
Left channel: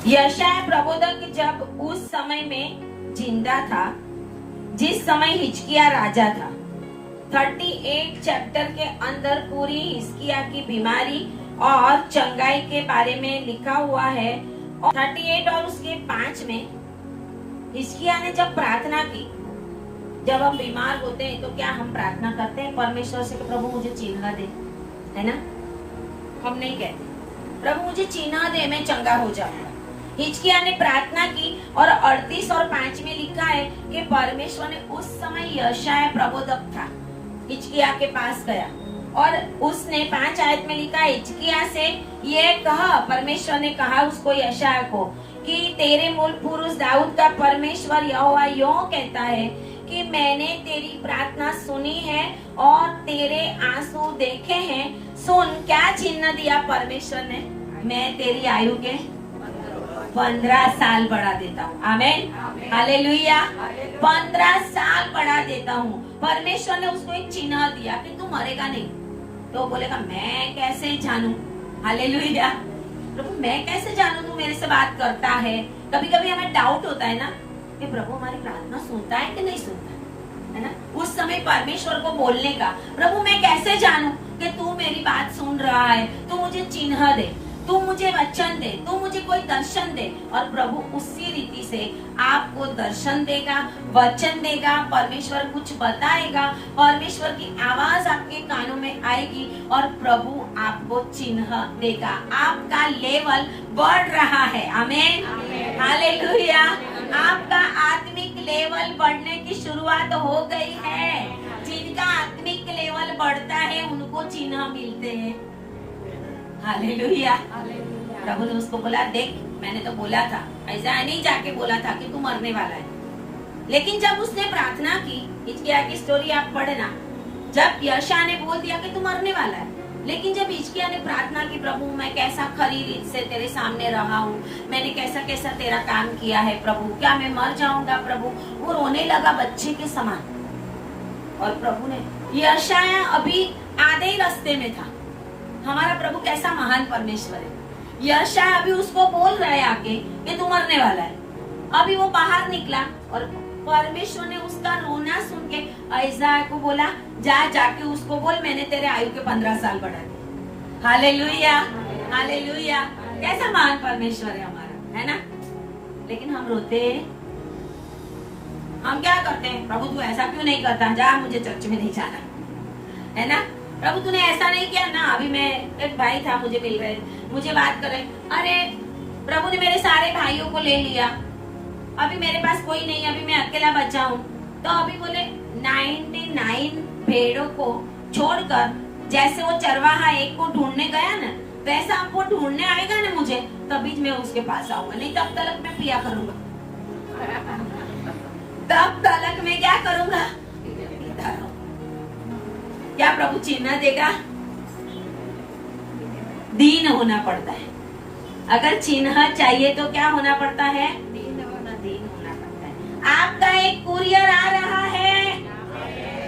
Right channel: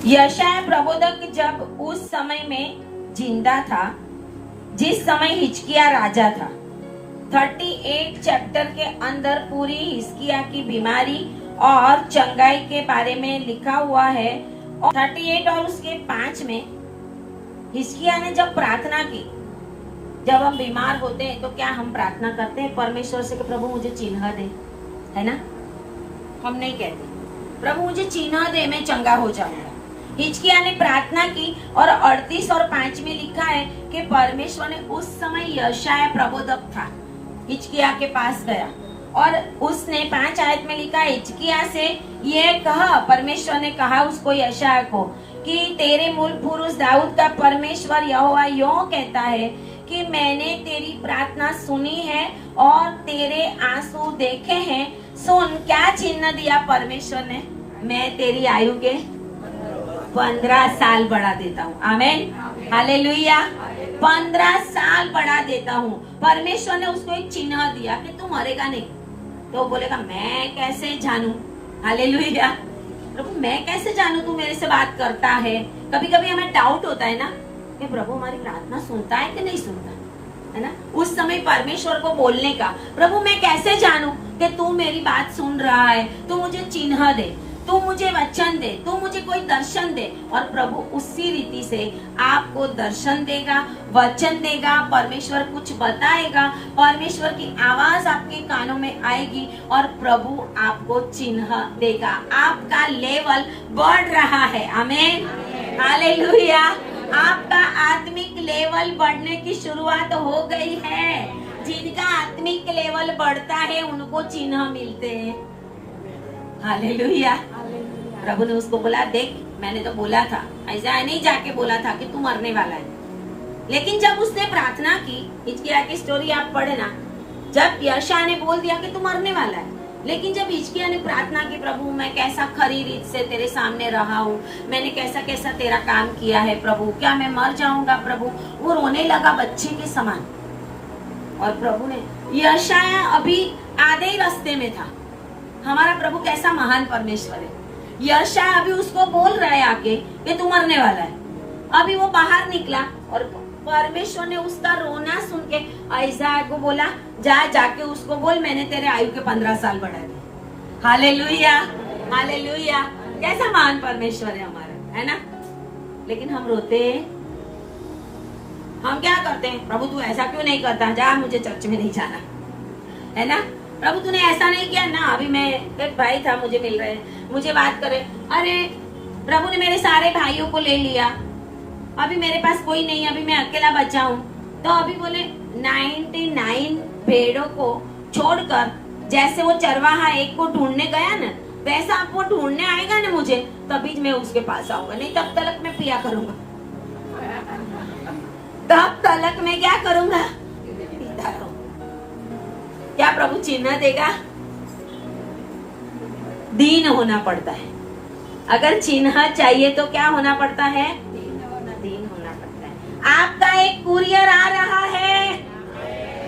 यशाया प्रबोधक जब उस समय में जिंदा था जिस समय हिजकिय्याह राजा था। 38 चैप्टर के अंदर पूरी हिजकिय्याह की बीमारी और चंगाई के बारे में लिखा हुआ है। 38 और उसके 5 में हिजकिय्याह ने जब प्रार्थना की, जब हम बीमार होते हैं तो क्या हम प्रार्थना करते हैं परमेश्वर से कि प्रभु मुझे चिन्ह दे, है ना? हम नहीं कहते प्रभु मुझे चिन्ह दे, मैं चंगा हो जाऊंगा। हिजकिय्याह ने प्रार्थना की और 38 और 5 में लिखा है कि परमेश्वर ने उस समय यशाया प्रबोधक था, हिजकिय्याह के पास गया और उसने 5 आयत में लिखा, हिजकिय्याह से ये कहा, परमेश्वर ने कहा उसको यशाया को कि तेरे मूल पुरुष दाऊद का परमेश्वर यहोवा यूं कहता है कि मैंने तेरी प्रार्थना सुनी है और तेरे आंसू देखे हैं। सुन, क्या चिन्ह दिया परमेश्वर ने? मैं तेरी आयु के 15 साल बढ़ा देता हूँ। आमीन, हालेलुया। 15 साल बढ़ा देता हूँ। परमेश्वर ने उसको एक चिन्ह दिया कि तू मरेगा नहीं। तो बोलेगा मैं कैसे जानू? हालेलुया। प्रभु मैं कैसे जानू तू मेरे से बात करता है? कभी कभी हमें डाउट होता है ना कि प्रभु हमारी प्रार्थना सुनता है कि नहीं सुनता है ना? उस समय परमेश्वर को बोलने का, प्रभु मैं कैसे जानू कि तू मेरी बात सुन रहा है? तू मुझे चिन्ह दे, तू मुझे वचन दे, तू मुझे कोई दर्शन दे। और प्रभु उसी रीति से आपको दर्शन देगा, वचन देगा, परमेश्वर कुछ बताएगा, परमेश्वर की आवाज आपके कानों में आएगी और प्रभु आपको चिन्ह देगा। आपका लेवल बढ़ रहा है। आमीन, हालेलुया। आपका आत्मिक लेवल बढ़ने की शुरुआत हो गई है। जिनका आत्मिक लेवल बढ़ता है उनको चिन्ह मिलते हैं। हालेलुया। प्रभु ने उसको बोला, देख मैंने तो बोला था, ऐसा नहीं जाके बोला था कि तू मरने वाला है। लेकिन जब उसने प्रार्थना की, हिजकिय्याह की स्टोरी आप पढ़ना, जब यशायाह ने बोल दिया कि तू मरने वाला है, लेकिन जब हिजकिय्याह ने प्रार्थना की, प्रभु मैं कैसा खरी रीत से तेरे सामने रहा हूँ, मैंने कैसा कैसा तेरा काम किया है प्रभु, क्या मैं मर जाऊंगा प्रभु? वो रोने लगा बच्चे के समान। और प्रभु ने, यशायाह अभी आधे रास्ते में था। हमारा प्रभु कैसा महान परमेश्वर है। यशायाह अभी उसको बोल रहा है आके कि तू मरने वाला है। अभी वो बाहर निकला और परमेश्वर ने उसका रोना सुन के यशायाह को बोला, जाके उसको बोल मैंने तेरे आयु के 15 साल बढ़ा दिए। Hallelujah, hallelujah. कैसा महान परमेश्वर है हमारा, है ना? लेकिन हम रोते हैं, हम क्या करते हैं, प्रभु तू ऐसा क्यों नहीं करता, जा मुझे चर्च में नहीं जाना, है ना। प्रभु तूने ऐसा नहीं किया ना। अभी मैं एक भाई था, मुझे मिल रहे, मुझे बात कर रहे, अरे प्रभु ने मेरे सारे भाइयों को ले लिया, अभी मेरे पास कोई नहीं, अभी मैं अकेला बचा हूँ। तो अभी बोले 99 भेड़ों को छोड़कर जैसे वो चरवाहा एक को ढूंढने गया ना, वैसा आप वो ढूंढने आएगा ना मुझे, तभी मैं उसके पास आऊंगा, नहीं तब तक मैं पिया करूंगा, तब तक मैं क्या करूंगा, पीता रहूंगा। क्या प्रभु चिन्ह देगा? दीन होना पड़ता है। अगर चिन्ह चाहिए तो क्या होना पड़ता है? दीन होना पड़ता है। आपका एक कुरियर आ रहा है,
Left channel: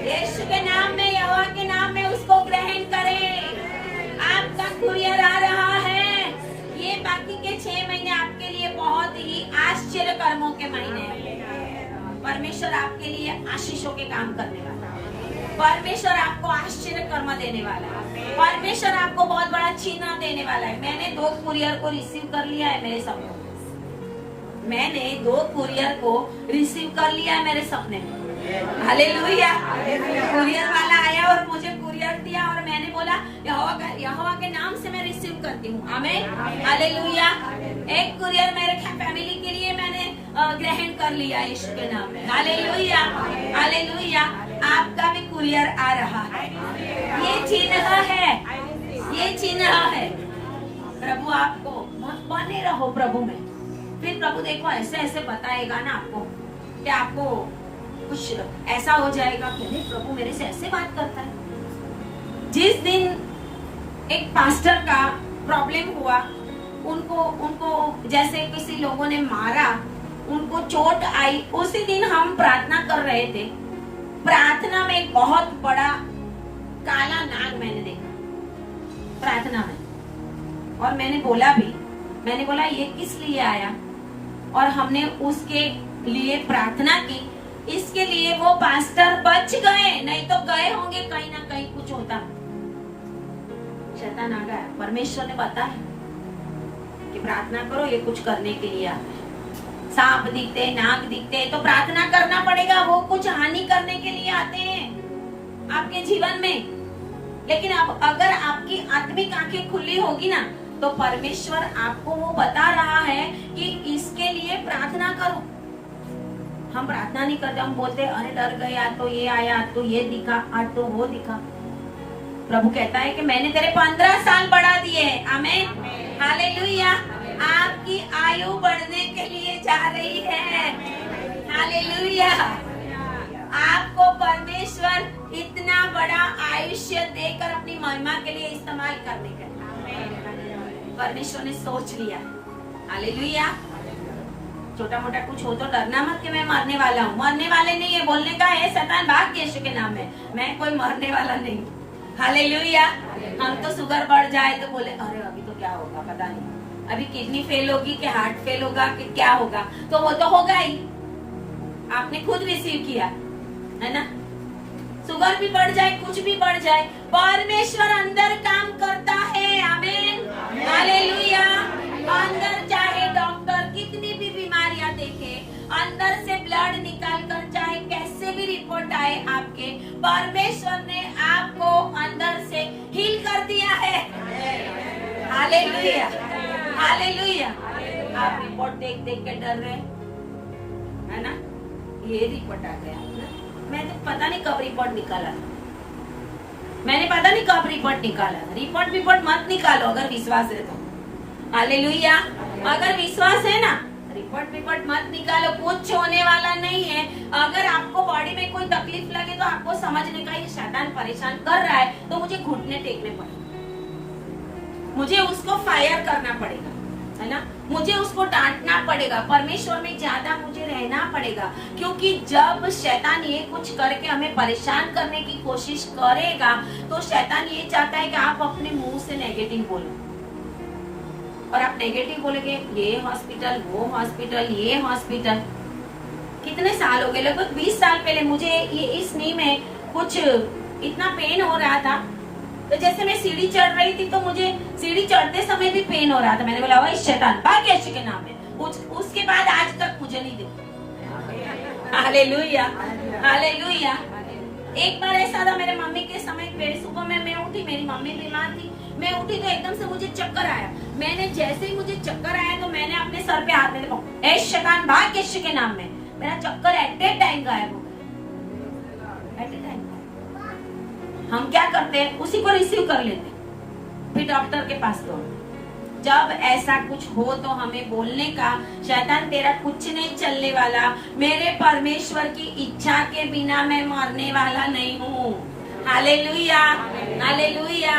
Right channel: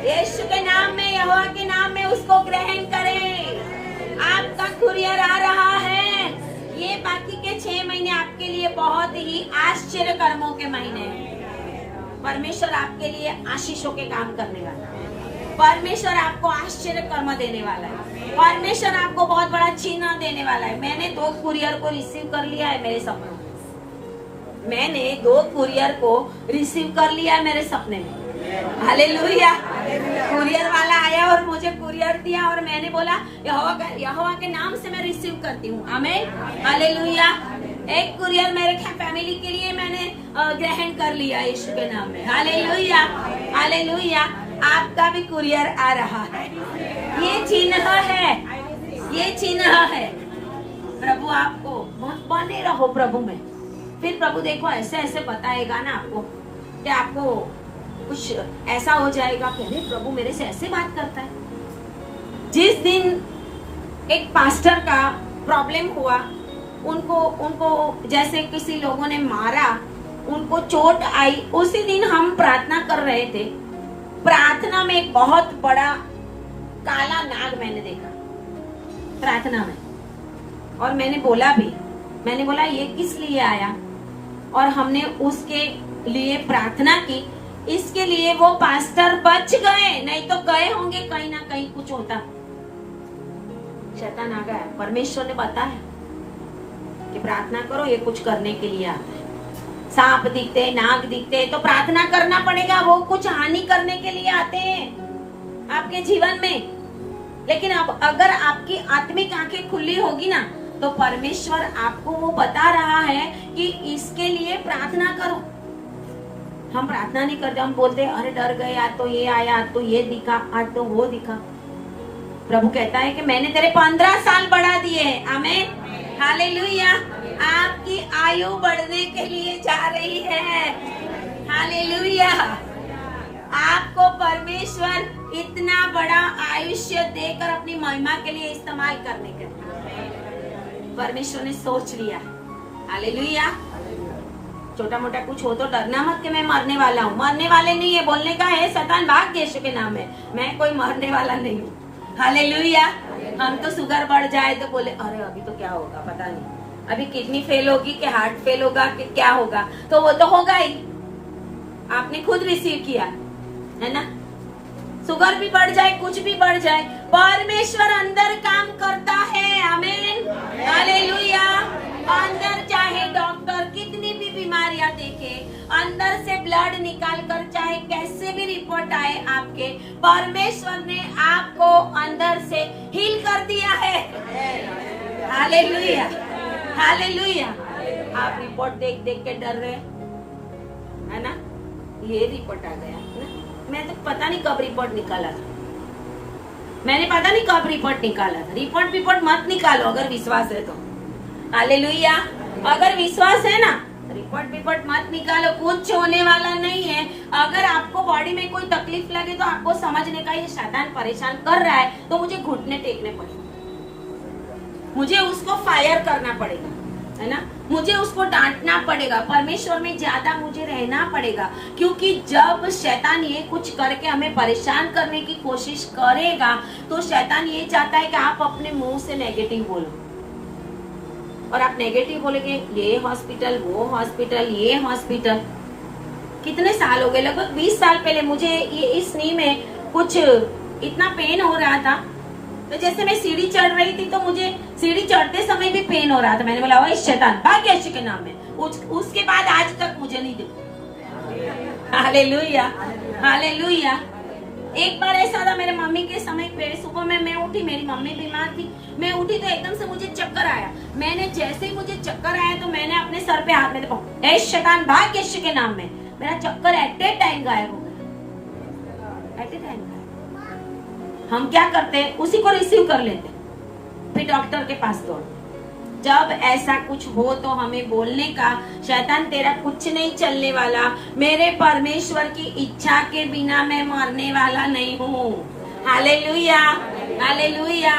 यीशु के नाम में, यहोवा के नाम में उसको ग्रहण करें। आपका कुरियर आ रहा है। ये बाकी के 6 महीने आपके लिए बहुत ही आश्चर्य कर्मों के महीने हैं। परमेश्वर आपके लिए आशीषों के काम करने वाला है। परमेश्वर आपको आश्चर्य कर्म देने वाला है। परमेश्वर आपको बहुत बड़ा चिन्ह देने वाला है। मैंने 2 कुरियर को रिसीव कर लिया है मेरे सपनों में। मैंने 2 कुरियर को रिसीव कर लिया है मेरे सपने में। हालेलुया। कुरियर वाला आया और मुझे कुरियर दिया और मैंने बोला यहोवा के नाम से मैं रिसीव करती हूँ। आमीन। हालेलुया। एक कुरियर मेरे फैमिली के लिए मैंने ग्रहण कर लिया यीशु के नाम में। हालेलुया। हालेलुया। आपका भी कुरियर आ रहा है। ये चिन्ह है, ये चिन्ह है। प्रभु आपको बने रहो प्रभु में। फिर प्रभु देखो ऐसे ऐसे बताएगा ना आपको कि आपको कुछ ऐसा हो जाएगा कि नहीं प्रभु मेरे से ऐसे बात करता है। जिस दिन एक पास्टर का प्रॉब्लम हुआ, उनको जैसे किसी लोगों ने मारा, उनको चोट आई, उसी दिन हम प्रार्थना कर रहे थे। प्रार्थना में एक बहुत बड़ा काला नाग मैंने देखा प्रार्थना में, और मैंने बोला ये किस लिए आया, और हमने उसके लिए प्रार्थना की। इसके लिए वो पास्टर बच गए, नहीं तो गए होंगे कहीं ना कहीं कुछ होता। शैतान आ गया। परमेश्वर ने बताया कि प्रार्थना करो, ये कुछ करने के लिए आए। सांप दिखते, नाग दिखते तो प्रार्थना करना पड़ेगा, वो कुछ हानि करने के लिए आते हैं आपके जीवन में। लेकिन अगर आपकी आत्मिक आंखें खुली होगी ना, तो परमेश्वर आपको वो बता रहा है कि इसके लिए प्रार्थना करो। हम प्रार्थना नहीं करते, हम बोलते अरे डर गए, आज तो ये आया, आज तो ये दिखा, आज तो वो दिखा। प्रभु कहता है कि मैंने तेरे 15 साल बढ़ा दिए। आमीन। हालेलुया। आपकी आयु बढ़ने के लिए जा रही है। हालेलुया। आपको परमेश्वर इतना बड़ा आयुष्य देकर अपनी महिमा के लिए इस्तेमाल करने का परमेश्वर ने सोच लिया। हालेलुया। छोटा मोटा कुछ हो तो डरना मत कि मैं मरने वाला हूँ। मरने वाले नहीं है, बोलने का है शैतान भाग यीशु के नाम में, मैं कोई मरने वाला नहीं हूँ। हालेलुया। हम तो शुगर बढ़ जाए तो बोले अरे अभी तो क्या होगा पता नहीं, अभी किडनी फेल होगी कि हार्ट फेल होगा कि क्या होगा, तो वो तो होगा ही। आपने खुद रिसीव किया है ना। शुगर भी बढ़ जाए, कुछ भी बढ़ जाए, परमेश्वर अंदर काम करता है। आमीन। हालेलुया। अंदर चाहे डॉक्टर कितनी भी बीमारियां देखे, अंदर से ब्लड निकाल कर चाहे कैसे भी रिपोर्ट आए आपके, परमेश्वर ने आपको अंदर से हील कर दिया है। हालेलुया। हालेलुया। आप रिपोर्ट देख देख के डर रहे है ना, ये रिपोर्ट आ गया ना? मैं तो पता नहीं कब रिपोर्ट निकाला, मैंने पता नहीं कब रिपोर्ट निकाला। रिपोर्ट मत निकालो अगर विश्वास है तो। हालेलुया। अगर विश्वास है ना, रिपोर्ट मत निकालो, कुछ होने वाला नहीं है। अगर आपको बॉडी में कोई तकलीफ लगे तो आपको समझने का ये शैतान परेशान कर रहा है, तो मुझे घुटने टेकने पड़ेंगे, मुझे उसको फायर करना पड़ेगा, है ना, मुझे उसको डांटना पड़ेगा, परमेश्वर में ज्यादा मुझे रहना पड़ेगा। क्योंकि जब शैतान ये कुछ करके हमें परेशान करने की कोशिश करेगा, तो शैतान ये चाहता है कि आप अपने मुंह से नेगेटिव बोलो, और आप नेगेटिव बोलोगे ये हॉस्पिटल, वो हॉस्पिटल, ये हॉस्पिटल। कितने साल हो गए, लगभग 20 साल पहले मुझे ये इस नी में कुछ इतना पेन हो रहा था, तो जैसे मैं सीढ़ी चढ़ रही थी तो मुझे सीढ़ी चढ़ते समय भी पेन हो रहा था। मैंने बोला शैतान भाग यीशु के नाम में। उसके बाद आज तक मुझे नहीं दिखा। Hallelujah, hallelujah. एक बार ऐसा था मेरे मम्मी के समय पे, सुबह में मैं उठी, मेरी मम्मी बीमार थी, मैं उठी तो एकदम से मुझे चक्कर आया। मैंने जैसे ही मुझे चक्कर आया तो मैंने अपने सर पे हाथ में देखो, ए शैतान भाग यीशु के नाम में। मेरा चक्कर एट ए टाइम गायब हो गया, एट ए टाइम गायब। हम क्या करते हैं, उसी को रिसीव कर लेते, फिर डॉक्टर के पास दौड़ो। जब ऐसा कुछ हो तो हमें बोलने का, शैतान तेरा कुछ नहीं चलने वाला, मेरे परमेश्वर की इच्छा के बिना मैं मरने वाला नहीं हूँ। Hallelujah, hallelujah.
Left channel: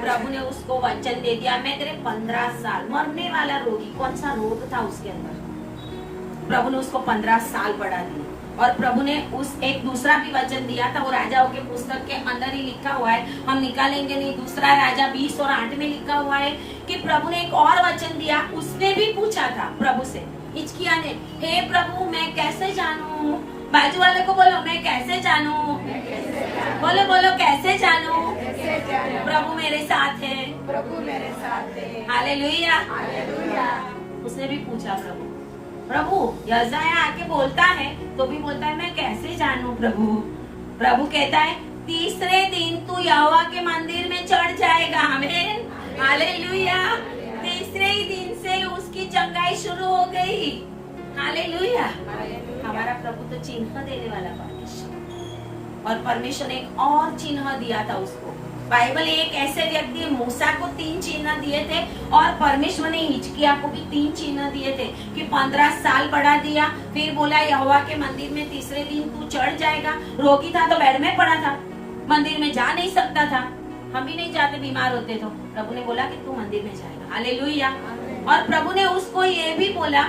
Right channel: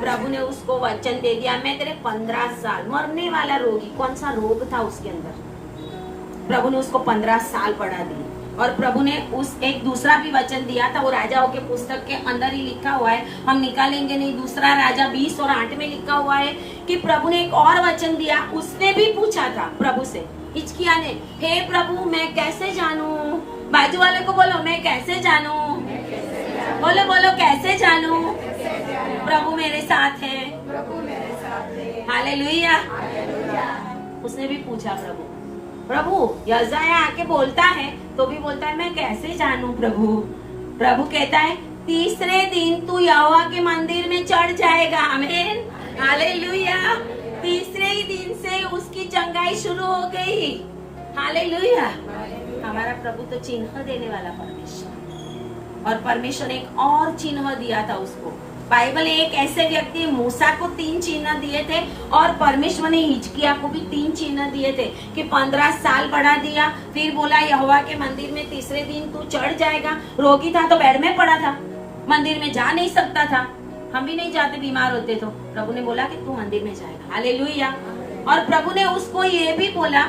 प्रभु ने उसको वचन दे दिया, मैं तेरे 15 साल मरने वाला रोगी, कौन सा रोग था उसके अंदर, प्रभु ने उसको 15 साल बढ़ा दिया। और प्रभु ने उस एक दूसरा भी वचन दिया था, वो राजाओं के पुस्तक के अंदर ही लिखा हुआ है, हम निकालेंगे नहीं। दूसरा राजा 20 और 8 में लिखा हुआ है कि प्रभु ने एक और वचन दिया। उसने भी पूछा था प्रभु से, हिजकिय्याह ने, हे प्रभु मैं कैसे जानूं? बाजू वाले को बोलो, मैं कैसे जानूं? बोलो बोलो, कैसे जानूं? प्रभु मेरे साथ है, हालेलुया। उसने भी पूछा प्रभु, प्रभु यशायाह आके बोलता है तो भी बोलता है मैं कैसे जानूं प्रभु? प्रभु कहता है तीसरे दिन तू यहोवा के मंदिर में चढ़ जाएगा। आमीन, हालेलुया। तीसरे ही दिन से उसकी चंगाई शुरू हो गई। हालेलुया। हमारा प्रभु तो चिन्ह देने वाला परमेश्वर, और परमेश्वर ने एक और चिन्ह दिया था उसको। बाइबल एक ऐसे व्यक्ति, मूसा को 3 चिन्ह दिए थे और परमेश्वर ने हिजकिय्याह को भी 3 चिन्ह दिए थे कि 15 साल बढ़ा दिया। फिर बोला यहोवा के मंदिर में तीसरे दिन तू चढ़ जाएगा। रोगी था तो बेड में पड़ा था, मंदिर में जा नहीं सकता था, हम भी नहीं जाते बीमार होते तो। प्रभु ने बोला कि तू मंदिर में जाएगा। हालेलुया। और प्रभु ने उसको ये भी बोला,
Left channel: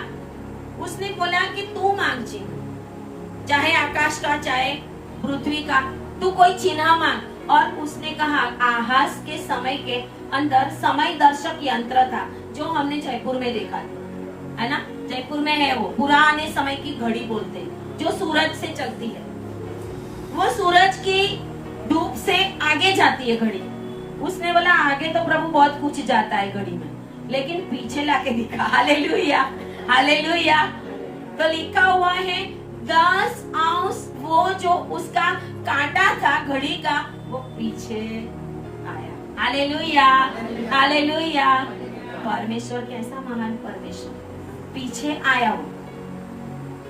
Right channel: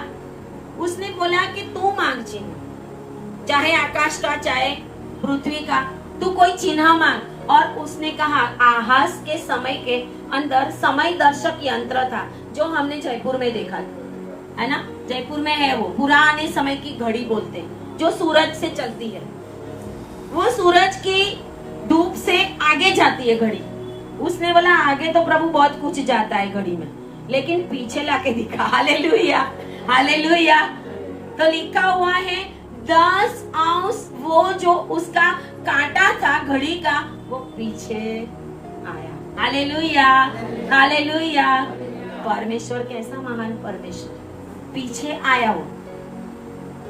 उसने बोला कि तू मांग चिन्ह, चाहे आकाश का चाहे पृथ्वी का, तू कोई चिन्ह मांग। और उसने कहा आहाज के समय के अंदर समय दर्शक यंत्र था जो हमने जयपुर में देखा था, है ना, जयपुर में है वो पुराने समय की घड़ी बोलते हैं जो सूरज से चलती है। वो सूरज की धूप से आगे जाती है घड़ी। उसने बोला आगे तो प्रभु बहुत कुछ जाता है घड़ी में, लेकिन पीछे लाके दिखा। Hallelujah, hallelujah. तो लिखा हुआ है 10 अंश वो जो उसका कांटा था घड़ी का वो पीछे आया। Hallelujah, hallelujah. परमेश्वर कैसा महान परमेश्वर, पीछे आया वो।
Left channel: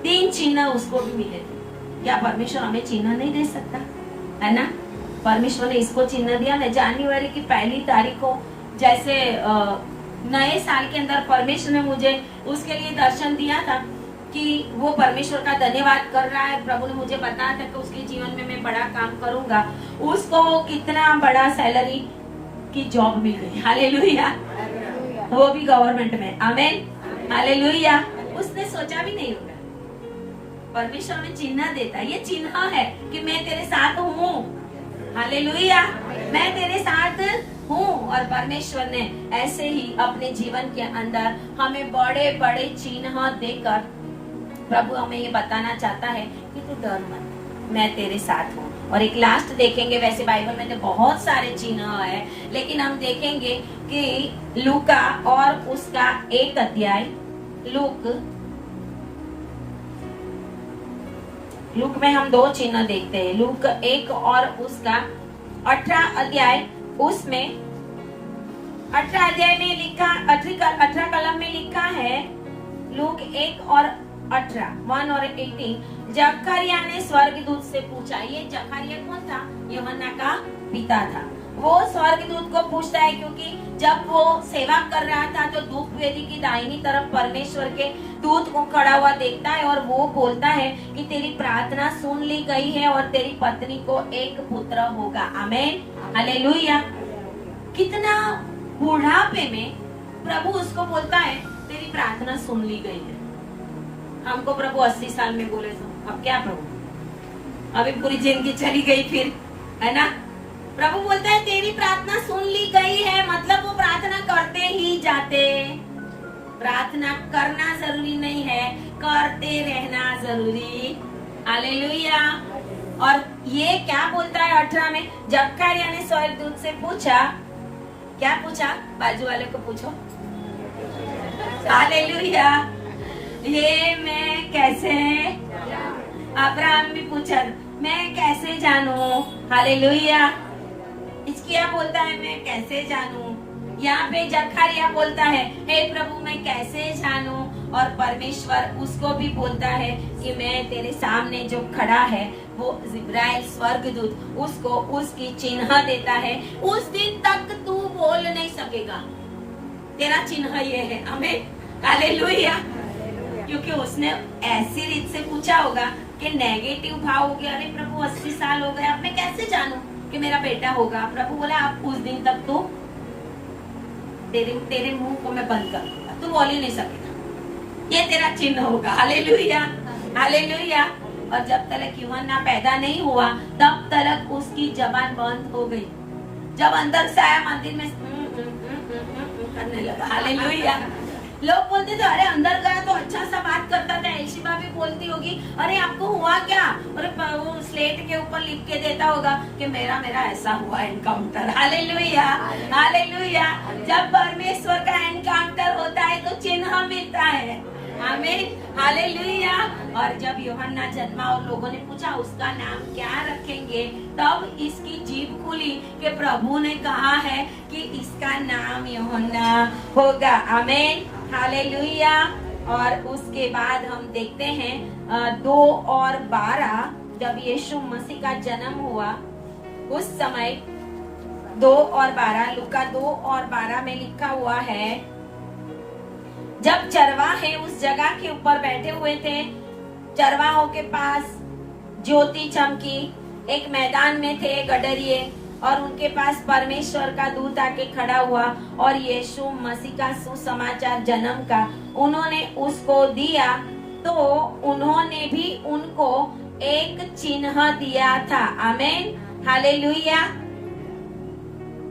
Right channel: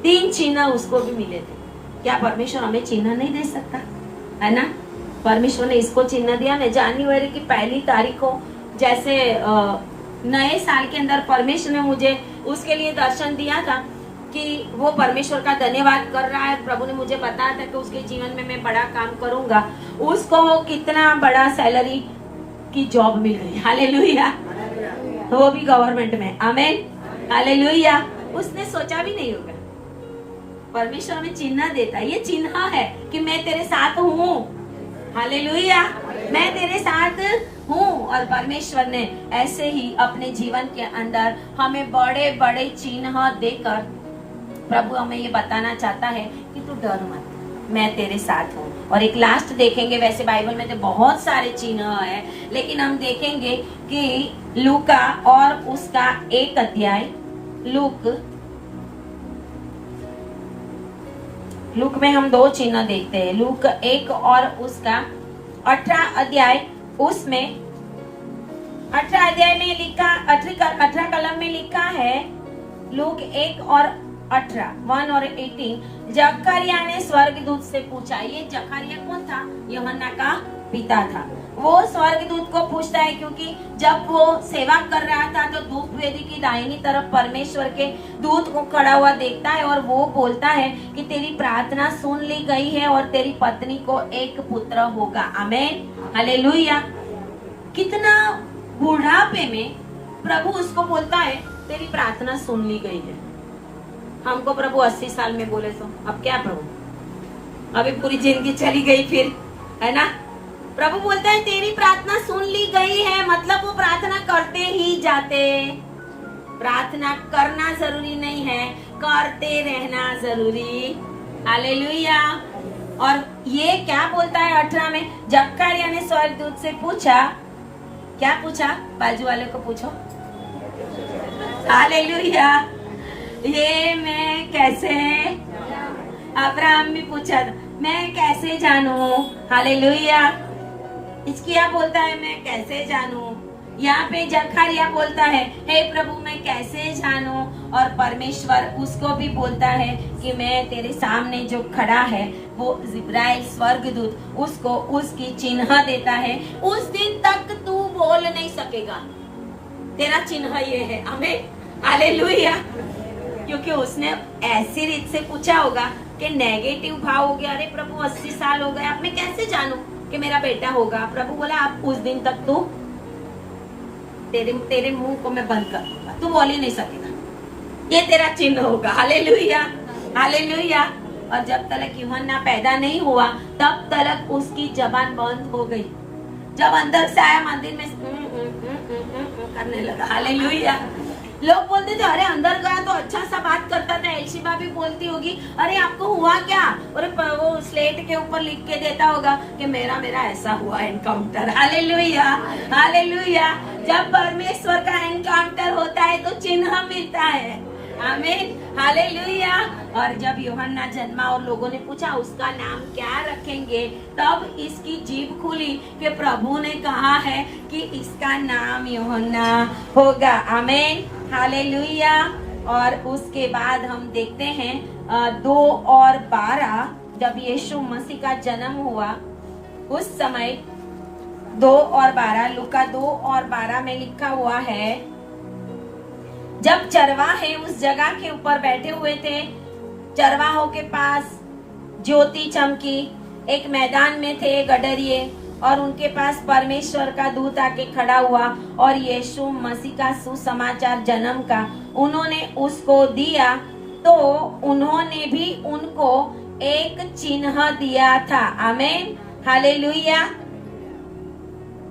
3 चिन्ह उसको भी मिले थे। क्या परमेश्वर हमें चिन्ह नहीं दे सकता, है ना? परमेश्वर ने इसको चिन्ह दिया। मैं जनवरी की 1 तारीख को जैसे नए साल के अंदर परमेश्वर ने मुझे उसके लिए दर्शन दिया था कि वो परमेश्वर का धन्यवाद कर रहा है। प्रभु ने मुझे बताया था कि उसके जीवन में मैं बड़ा काम करूंगा। उसको वो कितना बड़ा सैलरी की जॉब मिल गई। हालेलुया। वो भी गवर्नमेंट में। आमीन, हालेलुया। उसने सोचा भी नहीं होगा। परमेश्वर में चिन्ह देता है, ये चिन्ह है कि मैं तेरे साथ हूँ। हालेलुया, मैं तेरे साथ हूँ। और परमेश्वर ने ऐसे ही अपने जीवन के अंदर हमें बड़े बड़े चिन्ह देकर प्रभु हमें ये बताना चाहता है कि तू डर मत, मैं तेरे साथ हूँ। और एक लास्ट देखेंगे, वैसे बाइबल में तो बहुत सारे चिन्ह है, लेकिन हम देखेंगे कि लूका और उसका 1 अध्याय, लूक में हम 2 चिन्ह देखते हैं। लूक 1 और उसका 18 अध्याय, उसमें 18 अध्याय में लिखा, 18 कलम में लिखा है, लूक 1 और 18, 1 और 18। जकरिया ने स्वर्गदूत से पूछा। ये जकरिया कौन था? यूहन्ना का पिता था। वो स्वर्गदूत को पूछता है क्योंकि जब वो सेवा कर रहा था तो धूप वेदी की दाहिनी तरफ परमेश्वर के दूत को खड़ा हुआ देखता है और वो बोलता है कि तेरी प्रार्थना सुन ली गई है और तेरी पत्नी को एक पुत्र होगा। आमीन, हालेलुया। कितना बुढ़ापे में प्रभु उसको बोलता है तेरी प्रार्थना सुन ली गई है। हमको प्रभु 80 साल में बोले तो अब क्या प्रभु, अभी पूरी जिंदगी चली गई फिर, है ना? प्रभु बोलता है तेरी प्रार्थना सुन ली गई है, मतलब वो प्रार्थना करते ही जाते। प्रार्थना करना जरूरी नहीं है, करते रहना जरूरी। हालेलुया। और ये क्या बोलता है 18 में? जकरिया ने स्वर्गदूत से पूछा, क्या पूछा? बाजू वाले को पूछो। हालेलुया। ये मैं कैसे अब्राहम भी पूछा मैं कैसे जानूं? हालेलुया। हिजकिय्याह बोलता है मैं कैसे जानूं? यहाँ पे जकरिया बोलता है हे प्रभु मैं कैसे जानूं? और परमेश्वर उसको भी बोलता है कि मैं तेरे सामने जो खड़ा है वो जिब्राइल स्वर्गदूत उसको उसकी चिन्ह देता है। उस दिन तक तू बोल नहीं सकेगा, तेरा चिन्ह ये है। आमीन, हालेलुया। क्योंकि उसने ऐसी रीत से पूछा होगा कि नेगेटिव भाव हो गया, अरे प्रभु 80 साल हो गए, अब मैं कैसे जानूं कि मेरा बेटा होगा? प्रभु बोले आप उस दिन तक तू तेरे मुंह को मैं बंद कर दूंगा, तू बोल ही नहीं सकेगा, ये तेरा चिन्ह होगा। Hallelujah, hallelujah. और जब तक यूहन्ना पैदा नहीं हुआ तब तक उसकी जबान बंद हो गई। जब अंदर से आया मंदिर में करने लगा। हालेलुया। लोग बोलते थे अरे अंदर गया तो अच्छा सा बात करता था। एलिशिबा भी बोलती होगी अरे आपको हुआ क्या? और वो स्लेट के ऊपर लिख के देता होगा कि मेरा ऐसा हुआ एनकाउंटर। Hallelujah, hallelujah. जब परमेश्वर का एनकाउंटर होता है तो चिन्ह मिलता है। आमीन, हालेलुया। और जब यूहन्ना जन्मा और लोगों ने पूछा उसका नाम क्या रखेंगे, तब इसकी जीभ खुली कि प्रभु ने कहा है कि इसका नाम यूहन्ना होगा। आमीन, हालेलुया। और उसके बाद हम देखते हैं 2 और 12 जब यीशु मसीह का जन्म हुआ उस समय 2 और 12 लूका 2 और 12 में लिखा हुआ है जब चरवाहे उस जगह के ऊपर बैठे हुए थे, चरवाहों के पास ज्योति चमकी। एक मैदान में थे गडरिये और उनके पास परमेश्वर का दूत आके खड़ा हुआ और यीशु मसीह का सुसमाचार जन्म का उन्होंने उसको दिया, तो उन्होंने भी उनको एक चिन्ह दिया था। आमीन, हालेलुया।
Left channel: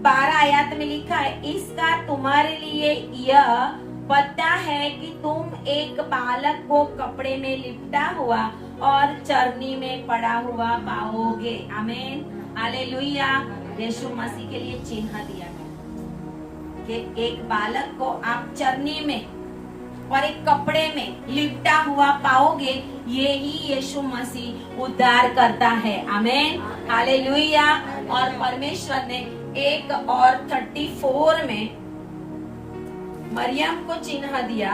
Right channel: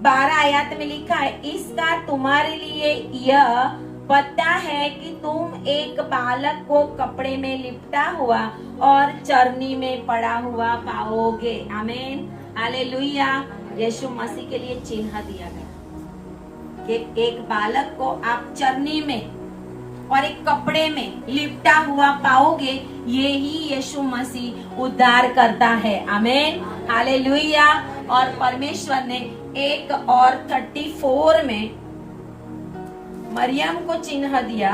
12 आयत में लिखा है इसका तुम्हारे लिए यह पता है कि तुम एक बालक को कपड़े में लिपटा हुआ और चरनी में पड़ा हुआ पाओगे। आमीन, हालेलुया। यीशु मसीह के लिए चिन्ह दिया गया कि एक बालक को आप चरनी में और एक कपड़े में लिपटा हुआ पाओगे। ये ही यीशु मसीह उद्धार करता है। आमीन, हालेलुया। और परमेश्वर ने 1 और 34 में मरियम को चिन्ह दिया।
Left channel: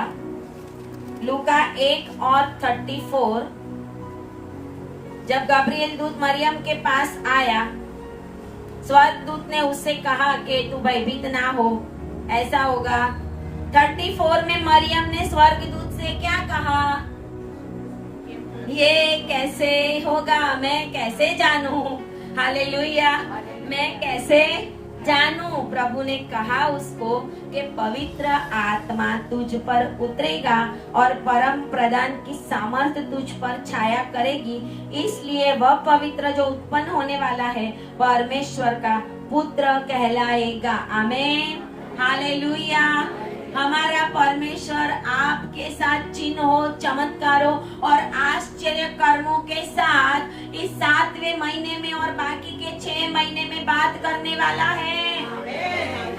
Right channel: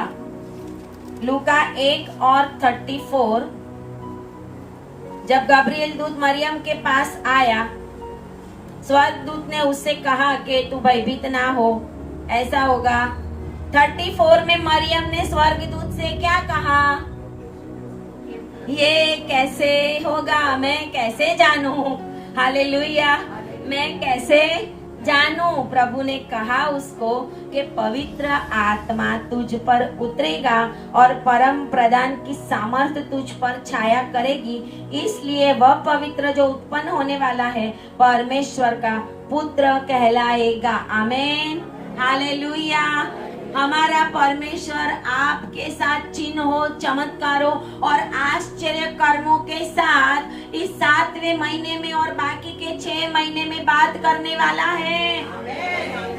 लूका 1 और 34 जब गब्रिएल दूत मरियम के पास आया, स्वर्गदूत ने उससे कहा कि तू भयभीत ना हो, ऐसा होगा। 34 में मरियम ने स्वर्गदूत से क्या कहा? ये कैसे होगा, मैं कैसे जानूं? हालेलुया, मैं कैसे जानूं? प्रभु ने कहा उसको कि पवित्र आत्मा तुझ पर उतरेगा और परम प्रधान की सामर्थ तुझ पर छाया करेगी, इसलिए वह पवित्र जो उत्पन्न होने वाला है परमेश्वर का पुत्र कहलाएगा। आमीन, हालेलुया। हमारा परमेश्वर आपके साथ चिन्हों, चमत्कारों और आश्चर्य कर्मों के साथ इस 7वें महीने में और बाकी के 6 महीने में बात करने वाला है।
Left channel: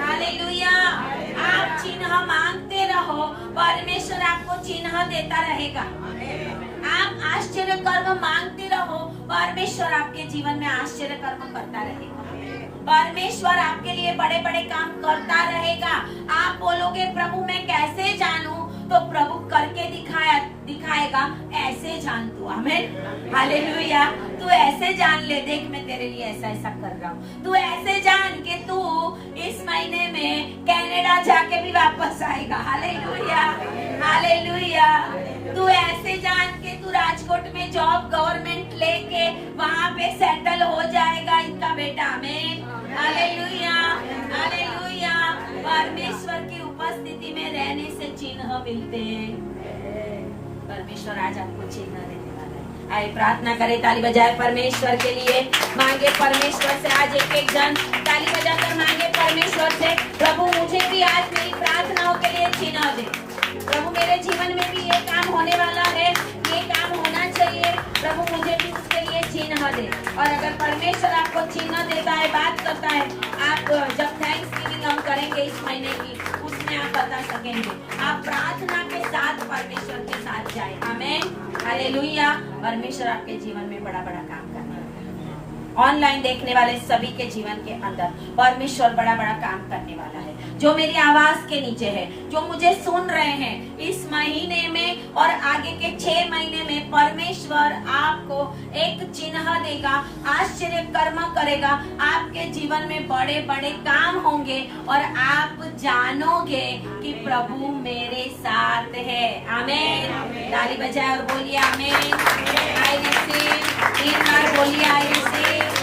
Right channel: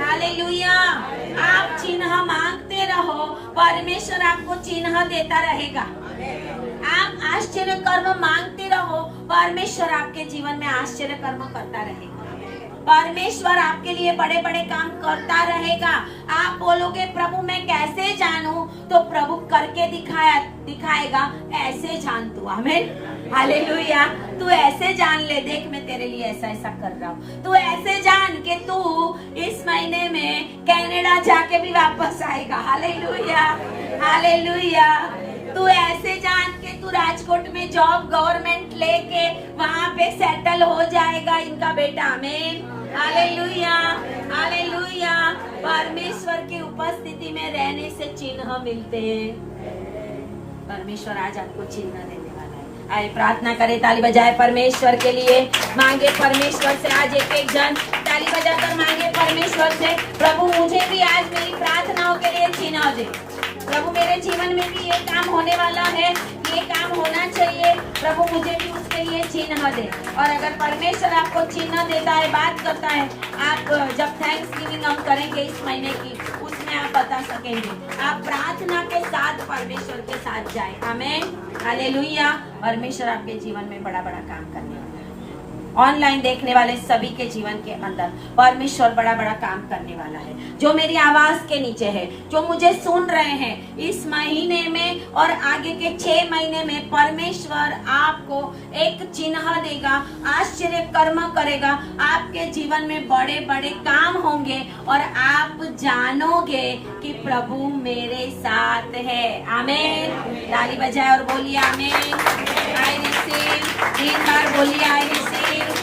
हालेलुया। आप चिन्ह मांगते रहो, परमेश्वर आपको चिन्ह देता रहेगा। आप आश्चर्य कर्म मांगते रहो, परमेश्वर आपके जीवन में आश्चर्य कर्म करता रहेगा। परमेश्वर आपके लिए बड़े बड़े काम करता रहेगा। आप बोलोगे प्रभु मैं कैसे जानूं, तो प्रभु करके दिखाएगा। ऐसे जान तू। आमीन, हालेलुया। तू ऐसे जान ले, देख मैं तेरे लिए ऐसा ऐसा कर रहा हूँ। तू ऐसे जान के तू इस महीने में कनाडा जाके भी वापस आएगा। Hallelujah, hallelujah. तू ऐसे जान के तू राजकोट में जॉब गवर्नमेंट लेके वहाँ पे सेटल हो जाएगा इनका बेटा। आमीन, हालेलुया, हालेलुया। परमेश्वर की उपस्थिति में रहने से चिन्ह मिलते हैं। परमेश्वर आज आपको चिन्ह देने वाला है। आइए प्रार्थना करें, ताली बजाए परमेश्वर के लिए, मांगे परमेश्वर से। आज एक जन ताली बजाकर मांगे परमेश्वर से, प्रभु मुझे भी आज मेरी प्रार्थनाओं के लिए चिन्ह दे। प्रभु मेरे जीवन में भी ये काम होने वाला है, ये काम होना चाहिए। प्रभु मुझे भी उसके लिए चिन्ह दे। और अगर परमेश्वर आपको चिन्ह देता है, बात करता है, आप जब थैंक्स गिविंग हम करेंगे इस महीने की, उसमें में आप बता सकेंगे। आप प्रार्थना के साथ परमेश्वर के साथ जाए। आमीन, हालेलुया। परमेश्वर आपके जीवन में बड़ा बड़ा काम करने वाला है। ऑनलाइन देखने वाले सभी के जीवन के अंदर परमेश्वर बड़ा बड़ा काम करने वाला है। जो मेरी आवाज के नीचे है, जो मुझे सुन रहे हैं, इस महीने में और आगे के 6 महीने में परमेश्वर आपको एक चिन्ह देगा, आश्चर्य कर्म करेगा। आपके जीवन में बड़े बड़े काम होंगे और आप जानोगे कि प्रभु मेरे साथ है। आमीन। ताली बजाए और बोलिए आमीन। I receive. एक बार बोलिए आई रिसीव।